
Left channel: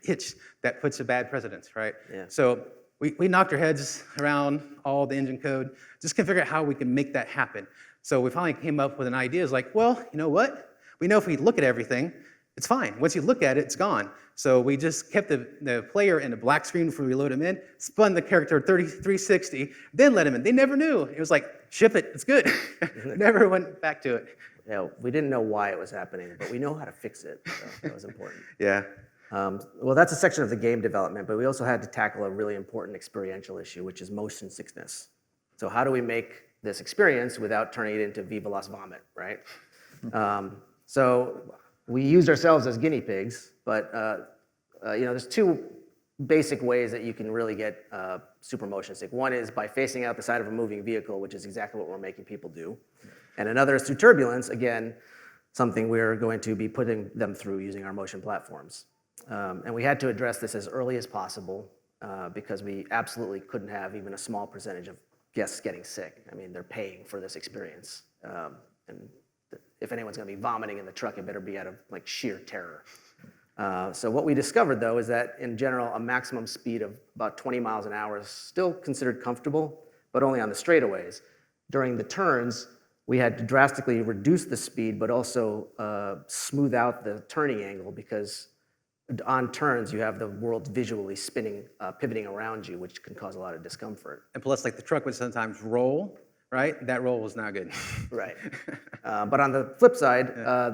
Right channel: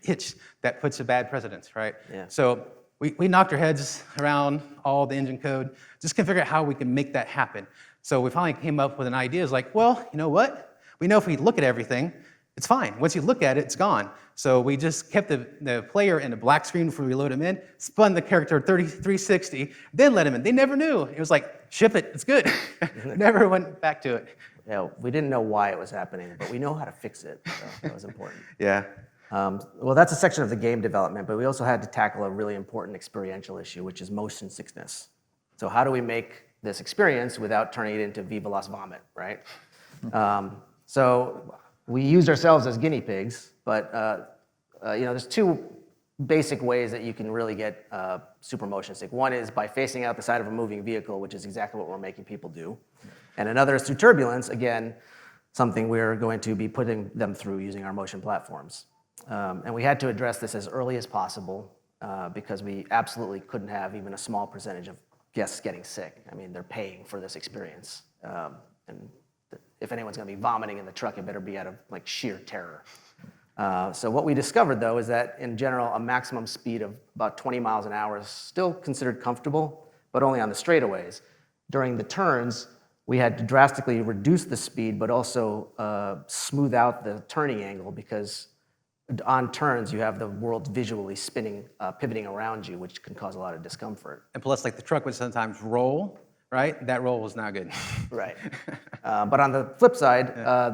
hitch that puts a bad precedence, right? Yeah. So we knocked our heads around all the engine code, just can figure out how we can make that happen. So we finally came up with an idea. It's well, you know what? We know if we look at everything, it's fine. Once you look at it, it's gone. So we just kept the player in a black screen before we load him in, spun the character 360, then let him in. They never knew. It was ship it, it's good. Never went back to it. Yeah, we didn't know why it was happening, but we know how to fix it. So that was important. Yeah. Well, that's a section of the game development, but we also had to tackle a really important experiential issue, which is motion sickness. So how do we make this experience without turning it into Viva Las Vomit, right? So we used ourselves as guinea pigs, but there's 2 basic ways that you can really get super motion sick. One is by facing out the side of a moving vehicle, which is exactly what we're making people do. And another is through turbulence, again, something we're going to be putting them through using our motion platforms. And we had to address this as early as possible because we absolutely couldn't have even a small percentage of guests getting sick. I mean, they're paying for this experience. And if anyone's going to be vomiting in the truck, it better be out of sheer terror. So what we discovered, though, is that in general, a maximum speed of about 20 miles an hour is still considered comfortable, but only on the straightaways. During the turns, we had to drastically reduce the speed, but also smooth out the turning angle because on turns, you have the world visually spinning, pivoting around you, which can cause a lot of discomfort. And plus, the truck would sometimes roll, right? That roll was not good. Right. But on the flip side,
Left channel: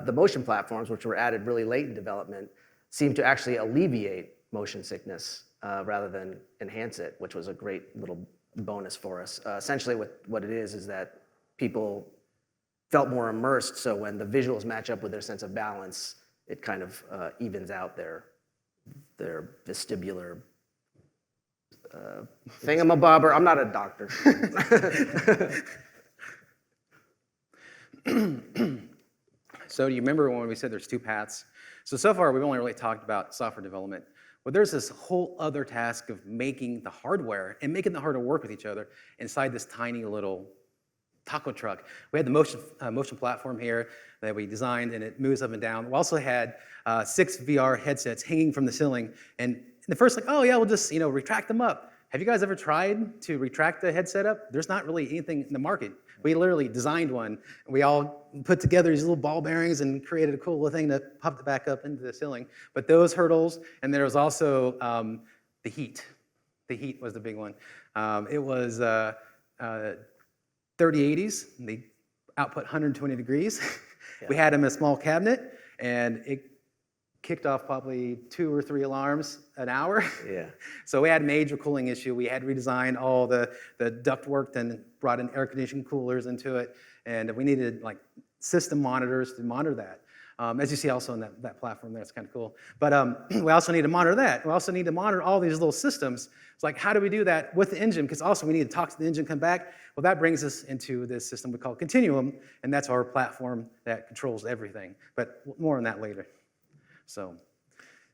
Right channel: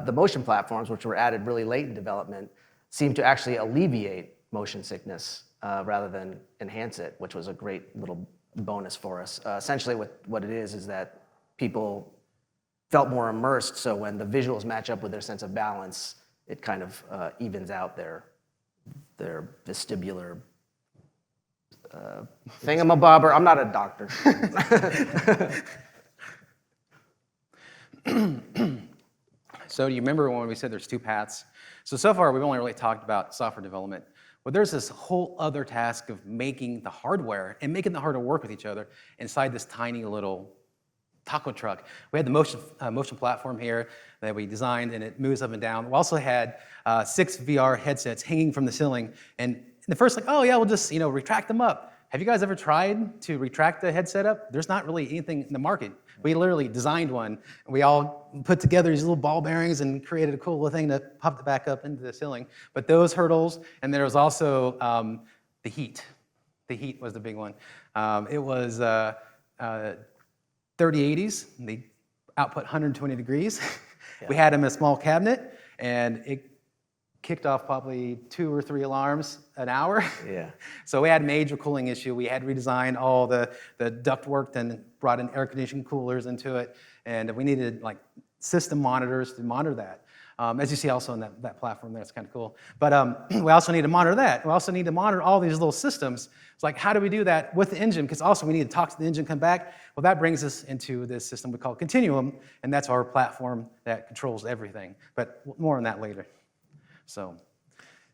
the motion platforms, which were added really late in development, seem to actually alleviate motion sickness rather than enhance it, which was a great little bonus for us. Essentially, what it is that people felt more immersed. So when the visuals match up with their sense of balance, it kind of evens out their vestibular thingamabobber. I'm not a doctor. So do you remember when we said there's two paths? So far, we've only really talked about software development. But there's this whole other task of making the hardware and making the hardware work with each other inside this tiny little taco truck. We had the motion platform here that we designed, and it moves up and down. We also had 6 VR headsets hanging from the ceiling. And the first, like, oh yeah, we'll just retract them up. Have you guys ever tried to retract the headset up? There's not really anything in the market. We literally designed one. We all put together these little ball bearings and created a cool little thing that popped it back up into the ceiling. But those hurdles, and there was also the heat. The heat was the big one. It was 3080s. They output 120 degrees. Yeah. We had them in a small cabinet, and it kicked off probably 2 or 3 alarms an hour. Yeah. So we had a major cooling issue. We had redesigned all the ductwork and brought in air conditioning coolers into it. And we needed like system monitors to monitor that. As you see also on that platform there, it's kind of cool. But we also need to monitor that. We also need to monitor all these little systems. It's like, how do we do that with the engine? Because also we need to talk to the engine, come back. Well, that brings us into this system we call Continuum, and that's our platform that controls everything. But more on that later. So,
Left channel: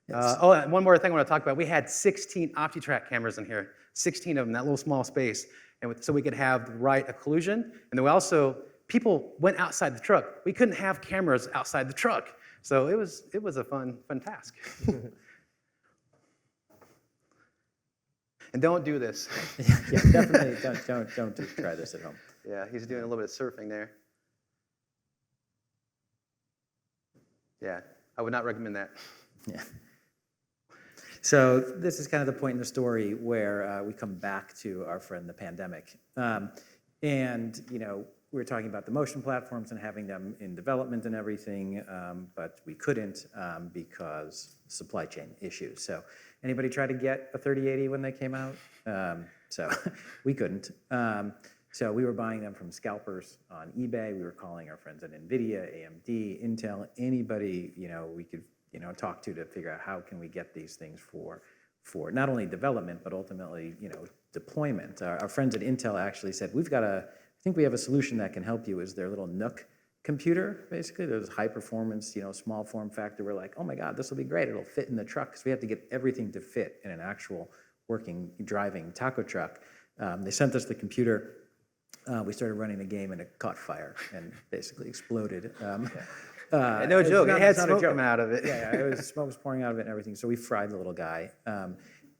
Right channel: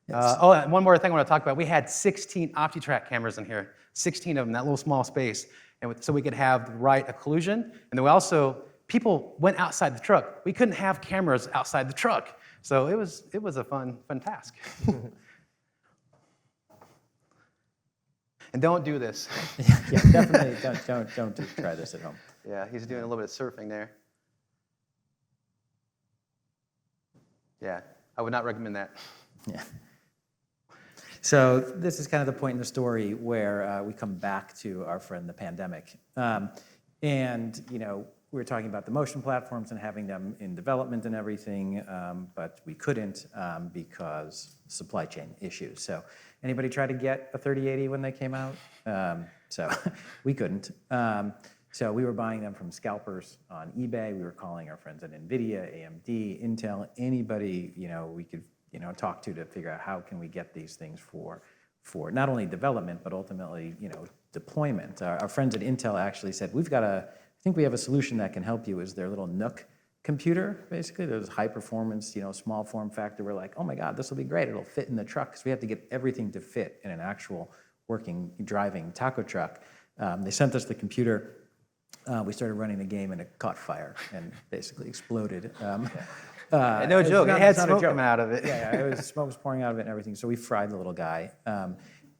and one more thing I want to talk about. We had 16 OptiTrack cameras in here, 16 of them, that little small space, and so we could have the right occlusion. And then we also, people went outside the truck. We couldn't have cameras outside the truck, so it was a fun task. And don't do this. Yeah, definitely don't try this at home. Yeah, he's doing a little bit of surfing there. Yeah. I would not recommend that. Yeah. So this is kind of the point in the story where we come back to our friend the pandemic. And, we were talking about the motion platforms and having them in development and everything, but we couldn't because supply chain issues. So anybody try to get a 3080 when they came out? So we couldn't. So we were buying them from scalpers on eBay. We were calling our friends at NVIDIA, AMD, Intel, anybody we could talk to figure out how can we get these things for not only development but ultimately deployment. Our friends at Intel actually said I think we have a solution that can help you. Is their little Nook computer basically? There's high performance, small form factor. We're like, oh my God, this will be great. It'll fit in the truck because we have to get everything to fit in an actual working driving taco truck. They sent us the computer. We started running the game and it caught fire and basically exploded. No joke. It had smoke coming out of it. Yeah, smoke was pouring out of it and everything. So we fried the little guy.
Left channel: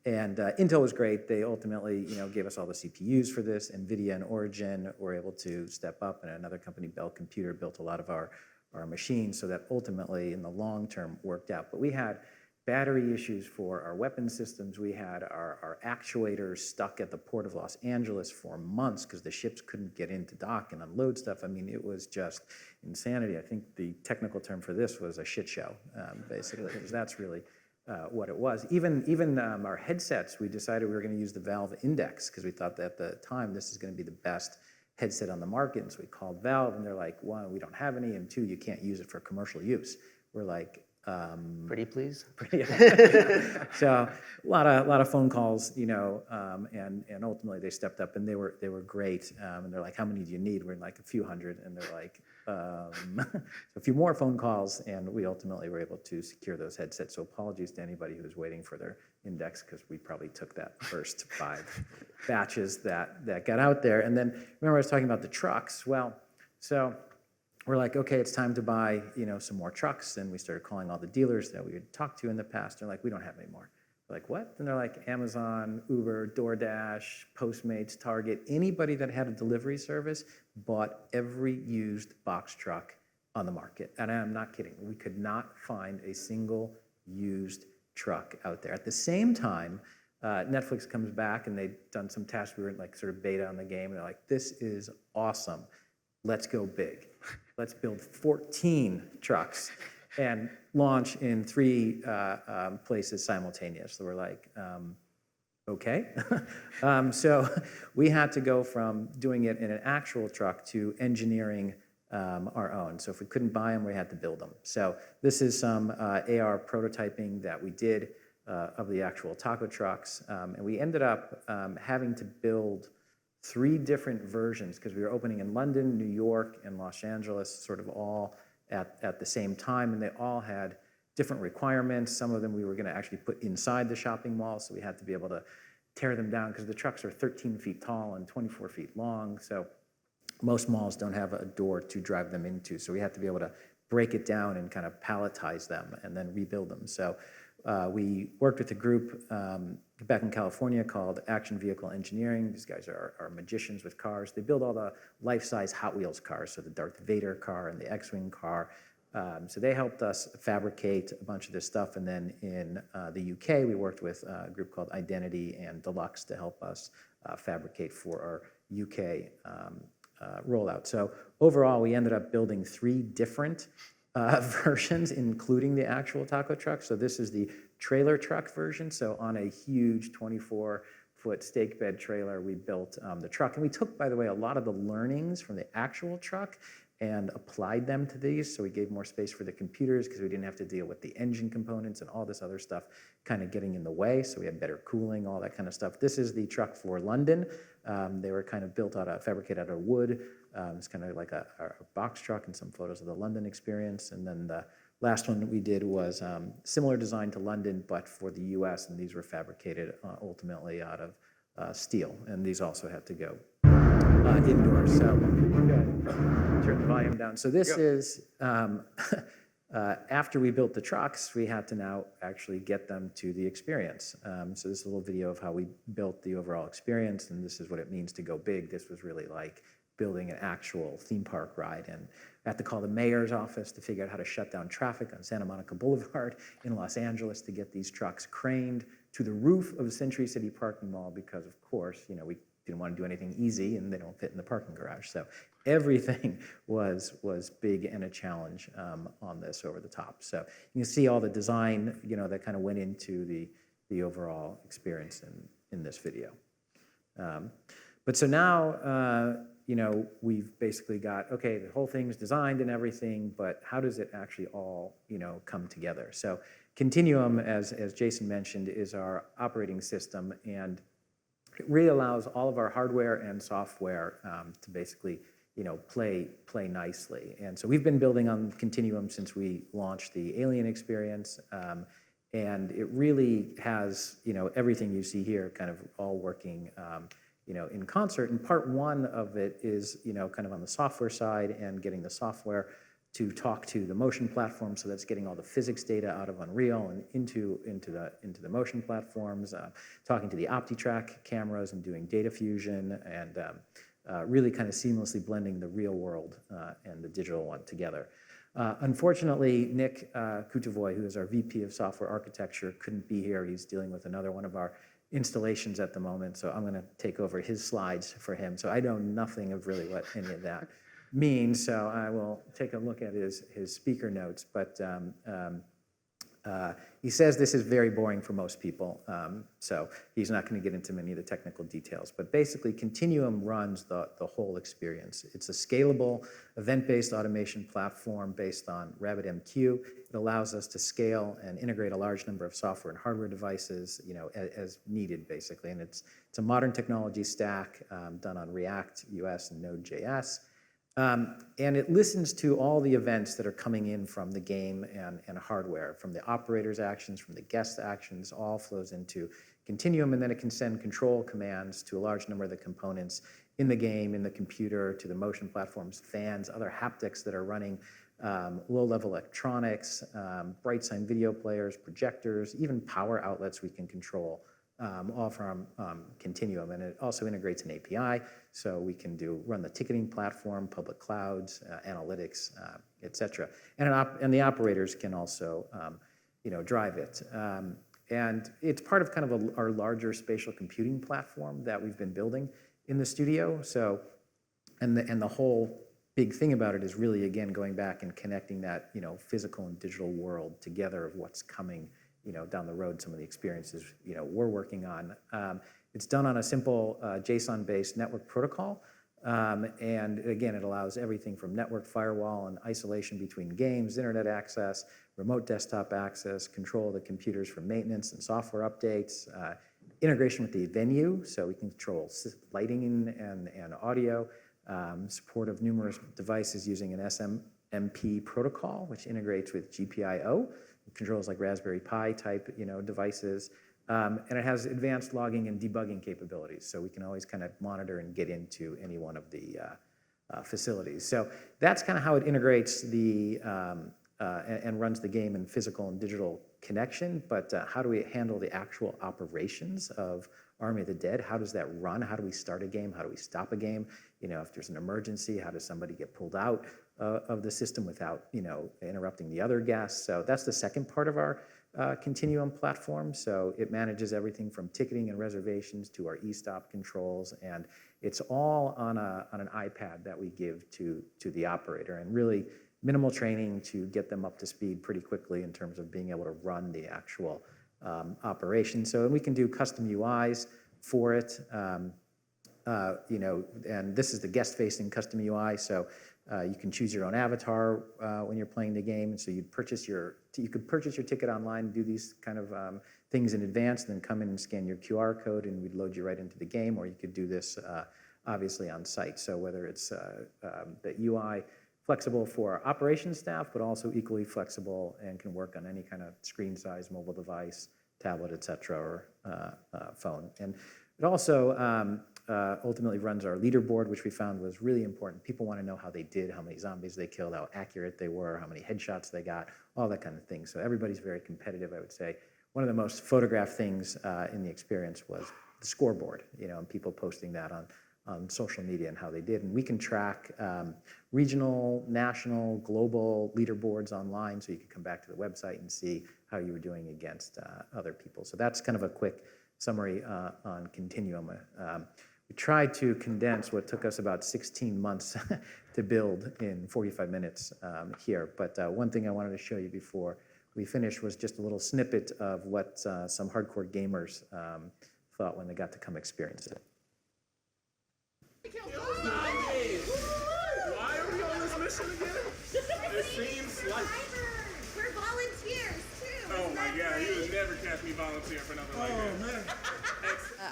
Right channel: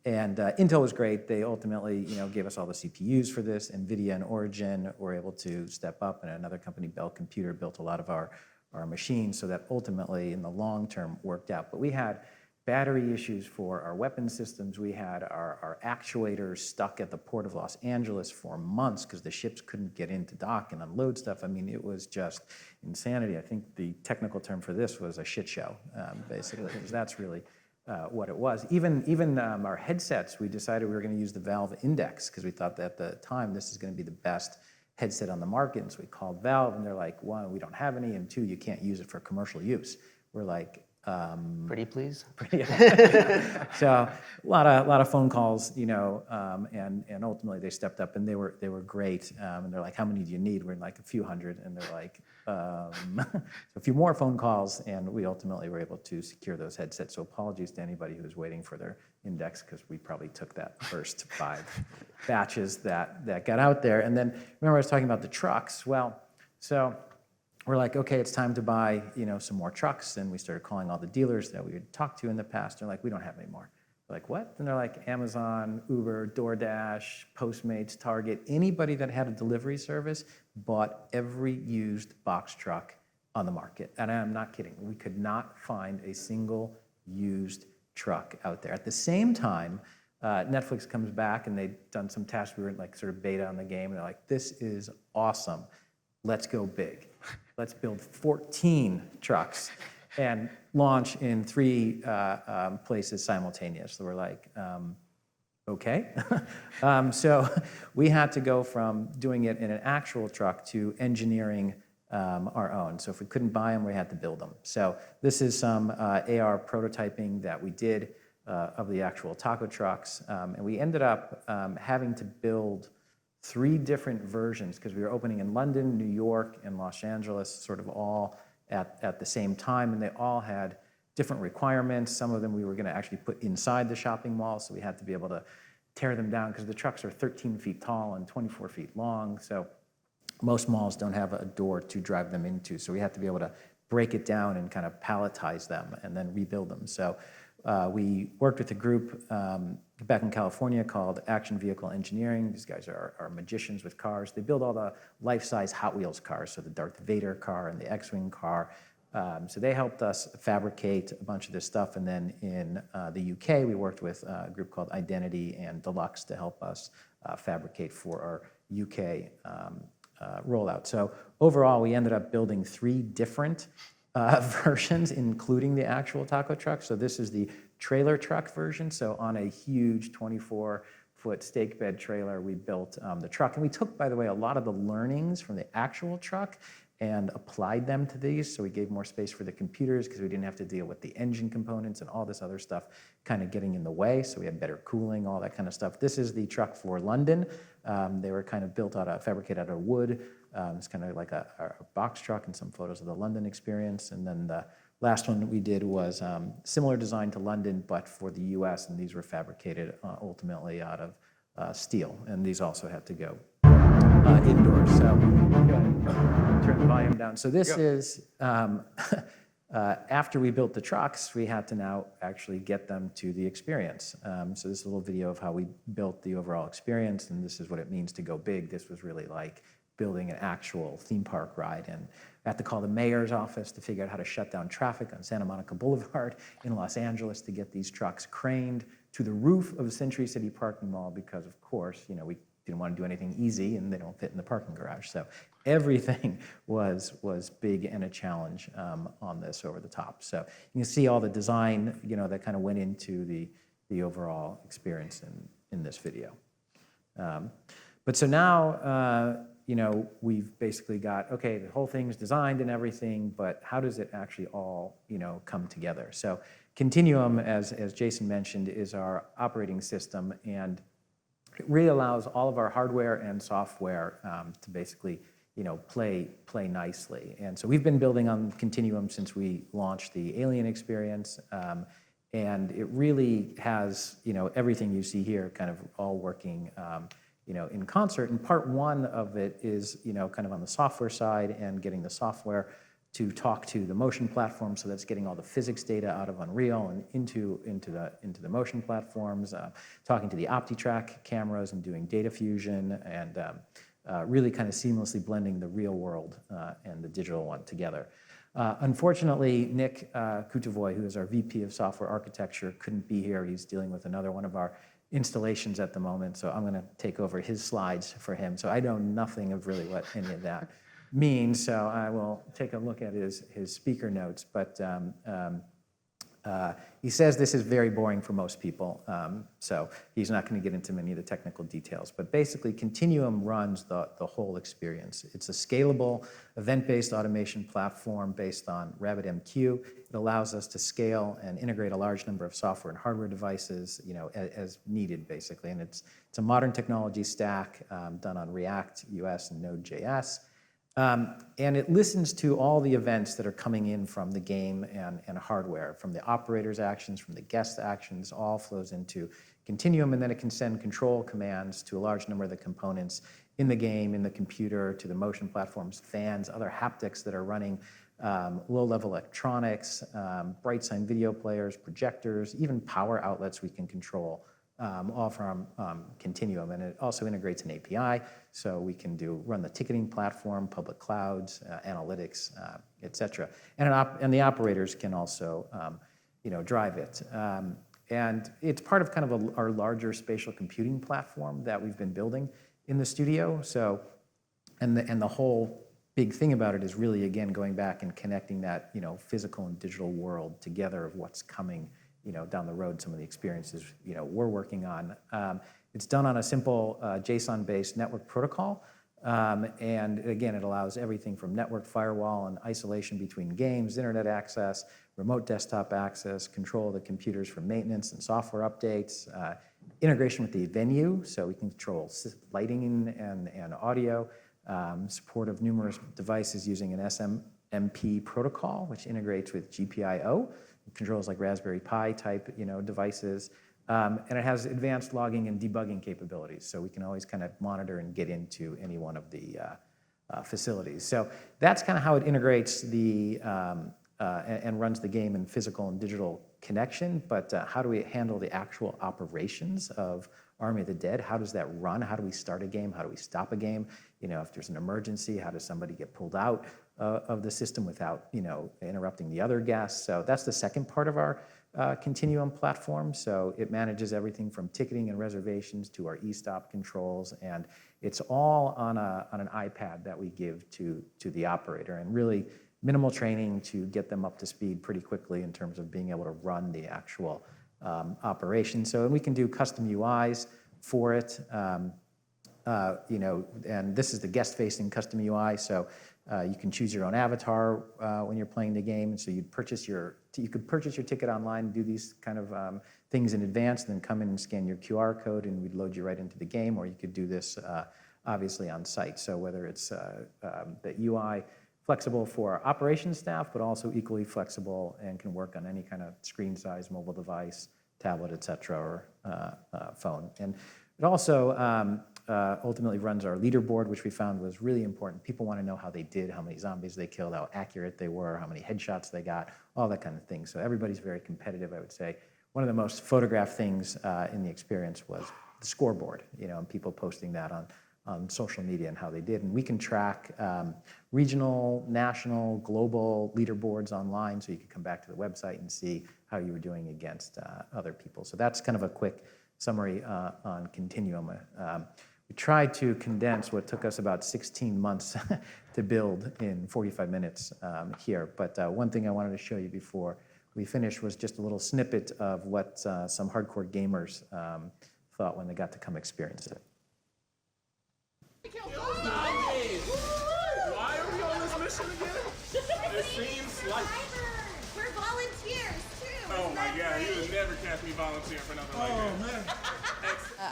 And Intel was great. They ultimately, gave us all the CPUs for this. NVIDIA and Origin were able to step up, and another company, Bell Computer, built a lot of our machines. So that ultimately, in the long term, worked out. But we had battery issues for our weapon systems. We had our actuators stuck at the port of Los Angeles for months because the ships couldn't get into dock and unload stuff. I mean, it was just insanity. I think the technical term for this was a shit show, basically, because that's really what it was. Even our headsets, we decided we were going to use the Valve Index because we thought that at the time this is going to be the best headset on the market. And so we called Valve, and they're like, 1, we don't have any, and 2, you can't use it for commercial use. We're like, pretty please. So a lot of phone calls, and ultimately they stepped up and they were great. And they're like, how many do you need? We're like a few hundred, and they're like, a few more phone calls, and we ultimately were able to secure those headsets. So apologies to anybody who was waiting for their Index because we probably took that first 5 batches that got out there. And then remember I was talking about the trucks. Well, so we're like, okay, it's time to buy, some more trucks. And we started calling all the dealers that we had talked to in the past. They're like, we don't have any more. We're like, what? And they're like, Amazon, Uber, DoorDash, Postmates, Target, anybody that had a delivery service bought every used box truck on the market. And I'm not kidding. We could not find a single used truck out there. At the same time, Netflix comes back and they'd done some tests. We were in like sort of beta on the game. And they're like, this is awesome. Let's go big. Let's build 14 trucks and launch in 3 places simultaneously. So we're like, okay. So we had to go from doing it in an actual truck to engineering our own. So if we couldn't buy them, we had to build them. So this is some AR prototyping that we did of the actual taco trucks. And we ended up having to build 3 different versions because we were opening in London, New York, and Los Angeles, sort of all at the same time. And they all had different requirements. Some of them we were going to actually put inside the shopping mall, so we had to be able to tear them down because the trucks are 13 feet tall and 24 feet long. So most malls don't have a door to drive them into. So we have to be able to break it down and kind of palletize them and then rebuild them. So we worked with a group back in California called Action Vehicle Engineering. These guys are magicians with cars. They build all the life-size Hot Wheels cars, so the Darth Vader car and the X-Wing car. So they helped us fabricate a bunch of this stuff. And then in the UK, we worked with a group called Identity and Deluxe to help us fabricate for our UK rollout. So overall, we ended up building 3 different versions, including the actual taco truck. So this is the trailer truck version. So on a huge 24-foot stake bed trailer, we built the truck. And we took, by the way, a lot of the learnings from the actual truck and applied them to these. So we gave more space for the computers because we didn't have to deal with the engine components and all this other stuff kind of getting in the way. So we had better cooling, all that kind of stuff. This is the truck for London. They were kind of fabricated out of wood. It's kind of like a box truck, and some photos of the London experience. And then the last one that we did was similar design to London, but for the US, and these were fabricated ultimately out of steel. And these also had to go indoors. So turn the volume down. So this is, after we built the trucks, we had to now actually get them to the experience. So this is a little video of how we built the overall experience, and this is what it means to go big. This was really like building an actual theme park ride. And I had to call the mayor's office to figure out how to shut down traffic on Santa Monica Boulevard in Los Angeles to get these trucks craned to the roof of the Century City parking mall because, of course, we didn't want to do anything easy, and they don't fit in the parking garage. So everything was big and a challenge on this over the top. So you can see all the design, that kind of went into the overall experience in this video. But so now, we've basically got, okay, the whole thing's designed and everything, but how does it actually all, come together? So Continuum, as Jason mentioned, is our operating system, and it really allows all of our hardware and software to basically, play nicely. And so we've been building on Continuum since we launched the Alien experience, and it really has, everything you see here kind of all working, in concert. And part 1 of it is, kind of on the software side and getting the software to talk to the motion platform. So that's getting all the physics data out of Unreal and into the motion platforms, talking to the OptiTrack cameras and doing data fusion, and really kind of seamlessly blending the real world and the digital one together. Unfortunately, Nick Kutavoy, who is our VP of Software Architecture, couldn't be here. He's dealing with another one of our installations at the moment, so I'm going to take over his slides for him. So I know nothing of really what any of that means, so I will take a look at his speaker notes. But he says this is very boring for most people, so he's not going to get into many of the technical details. But basically, Continuum runs the whole experience. It's a scalable, event-based automation platform based on RabbitMQ. It allows us to scale and integrate a large number of software and hardware devices, as needed, basically. And it's a modern technology stack done on React, US, and Node.js. And it listens to all the events that are coming in from the game and hardware, from the operator's actions, from the guest actions, all flows into Continuum, and then it can send control commands to a large number of the components in the game, in the computer, to the motion platforms, fans, other haptics that are running, low-level electronics, bright sign video players, projectors, even power outlets we can control. All from Continuum, and it also integrates an API, so we can run the ticketing platform, public clouds, analytics, etc. And the operators can also, drive it. And it's part of kind of our larger spatial computing platform that we've been building in the studio. So, and the whole big thing about it is really, again, going back and connecting that, physical and digital world together of what's coming down the road some of the experiences, we're working on. It's done on a simple JSON-based network protocol. And again, it allows everything from network firewall and isolation between games, internet access, remote desktop access, control of the computers for maintenance and software updates, integration with the venue, so we can control lighting and audio, support of numerous devices using an SMMP protocol, which integrates with GPIO. It controls like Raspberry Pi type, devices. And it has advanced logging and debugging capabilities, so we can always kind of monitor and get into any one of the facilities. So that's kind of how it integrates and runs the game in physical and digital connection. But how do we handle the actual operations of Army of the Dead? How does that run? How do we start a game? How do we stop a game? If there's an emergency, how does somebody get pulled out of the system without interrupting the other guests? So that's the second part of our Continuum platform. So it manages everything from ticketing and reservations to our e-stop controls, and it's all on an iPad that we give to the operator, and really minimal training to get them up to speed pretty quickly in terms of being able to run the actual operation. So, and we can do custom UIs for it, and this is the guest-facing custom UI. So you can choose your own avatar when you're playing the game, and so you could purchase your ticket online and do these kind of things in advance, then come in and scan your QR code, and we'd load you right into the game. Or you could do this obviously on site. So whether it's the UI flexible for operations staff, but also equally flexible and can work on any kind of screen size, mobile device, tablet, etc., or phone. And it also ultimately runs our leaderboard, which we found was really important. People want to know how they did, how many zombies they killed, how accurate they were, how many headshots they got, all that kind of thing. So everybody's very competitive, I would say. One of the most photographed things in the experience was the scoreboard, and people posting that on social media and how they did. And we can track regional, national, global leaderboards online, so you can come back to the website and see how you were doing against other people. So that's kind of a quick summary on Continuum. We tried to condense what took us about 16 months to build in 45 minutes here. But one thing I wanted to show you before we finish was just a little snippet of what some hardcore gamers thought when they got to come experience it. Why are we on this mission again? It seems like... We're volunteers, too. Oh my God, you would never catch me volunteer for nothing like that. Man.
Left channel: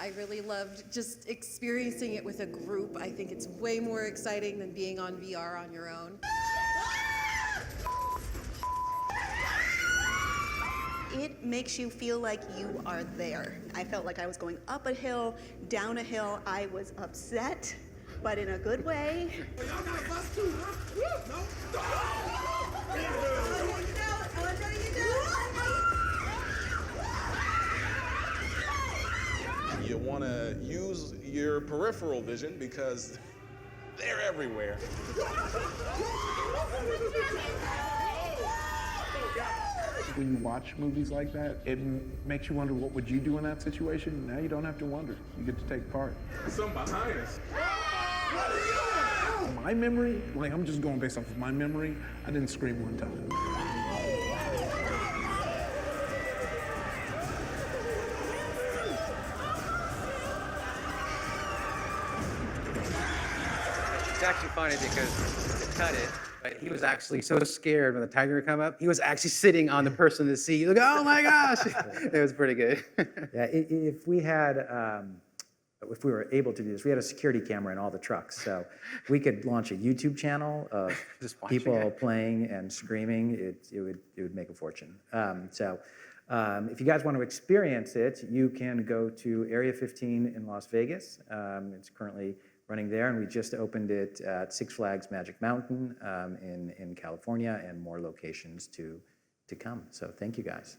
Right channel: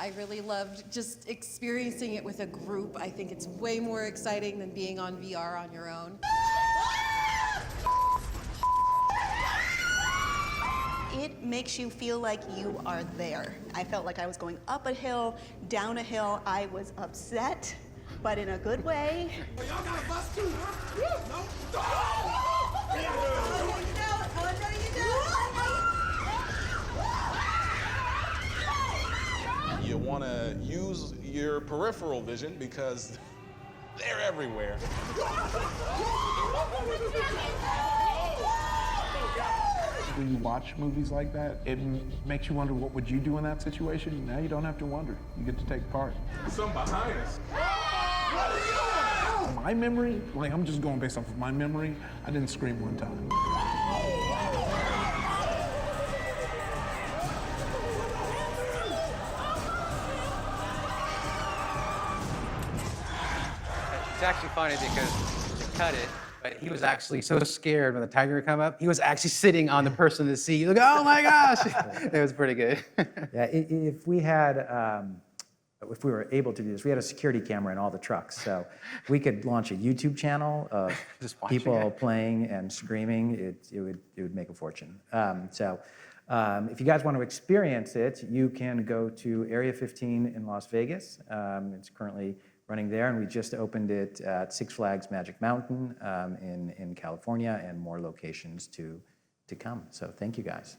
I really loved just experiencing it with a group. I think it's way more exciting than being on VR on your own. It makes you feel like you are there. I felt like I was going up a hill, down a hill. I was upset, but in a good way. You want to use your peripheral vision because they're everywhere. When you watch movies like that, it makes you wonder, what would you do in that situation? Now you don't have to wonder. You get to take part. Some behind us. My memory, like I'm just going based off of my memory, I didn't scream one time. It's actually funny because cut it, but he was actually so scared when the tiger would come up. He was actually sitting on the person in the seat. Like, oh my gosh, it was pretty good. Yeah, if we had, if we were able to do this, we had a security camera in all the trucks, so we could launch a YouTube channel of Just watching people it. playing and screaming. It would make a fortune. If you guys want to experience it, you can go to Area 15 in Las Vegas. It's currently running there, and we just opened it at Six Flags Magic Mountain in California, and more locations to come. So thank you guys.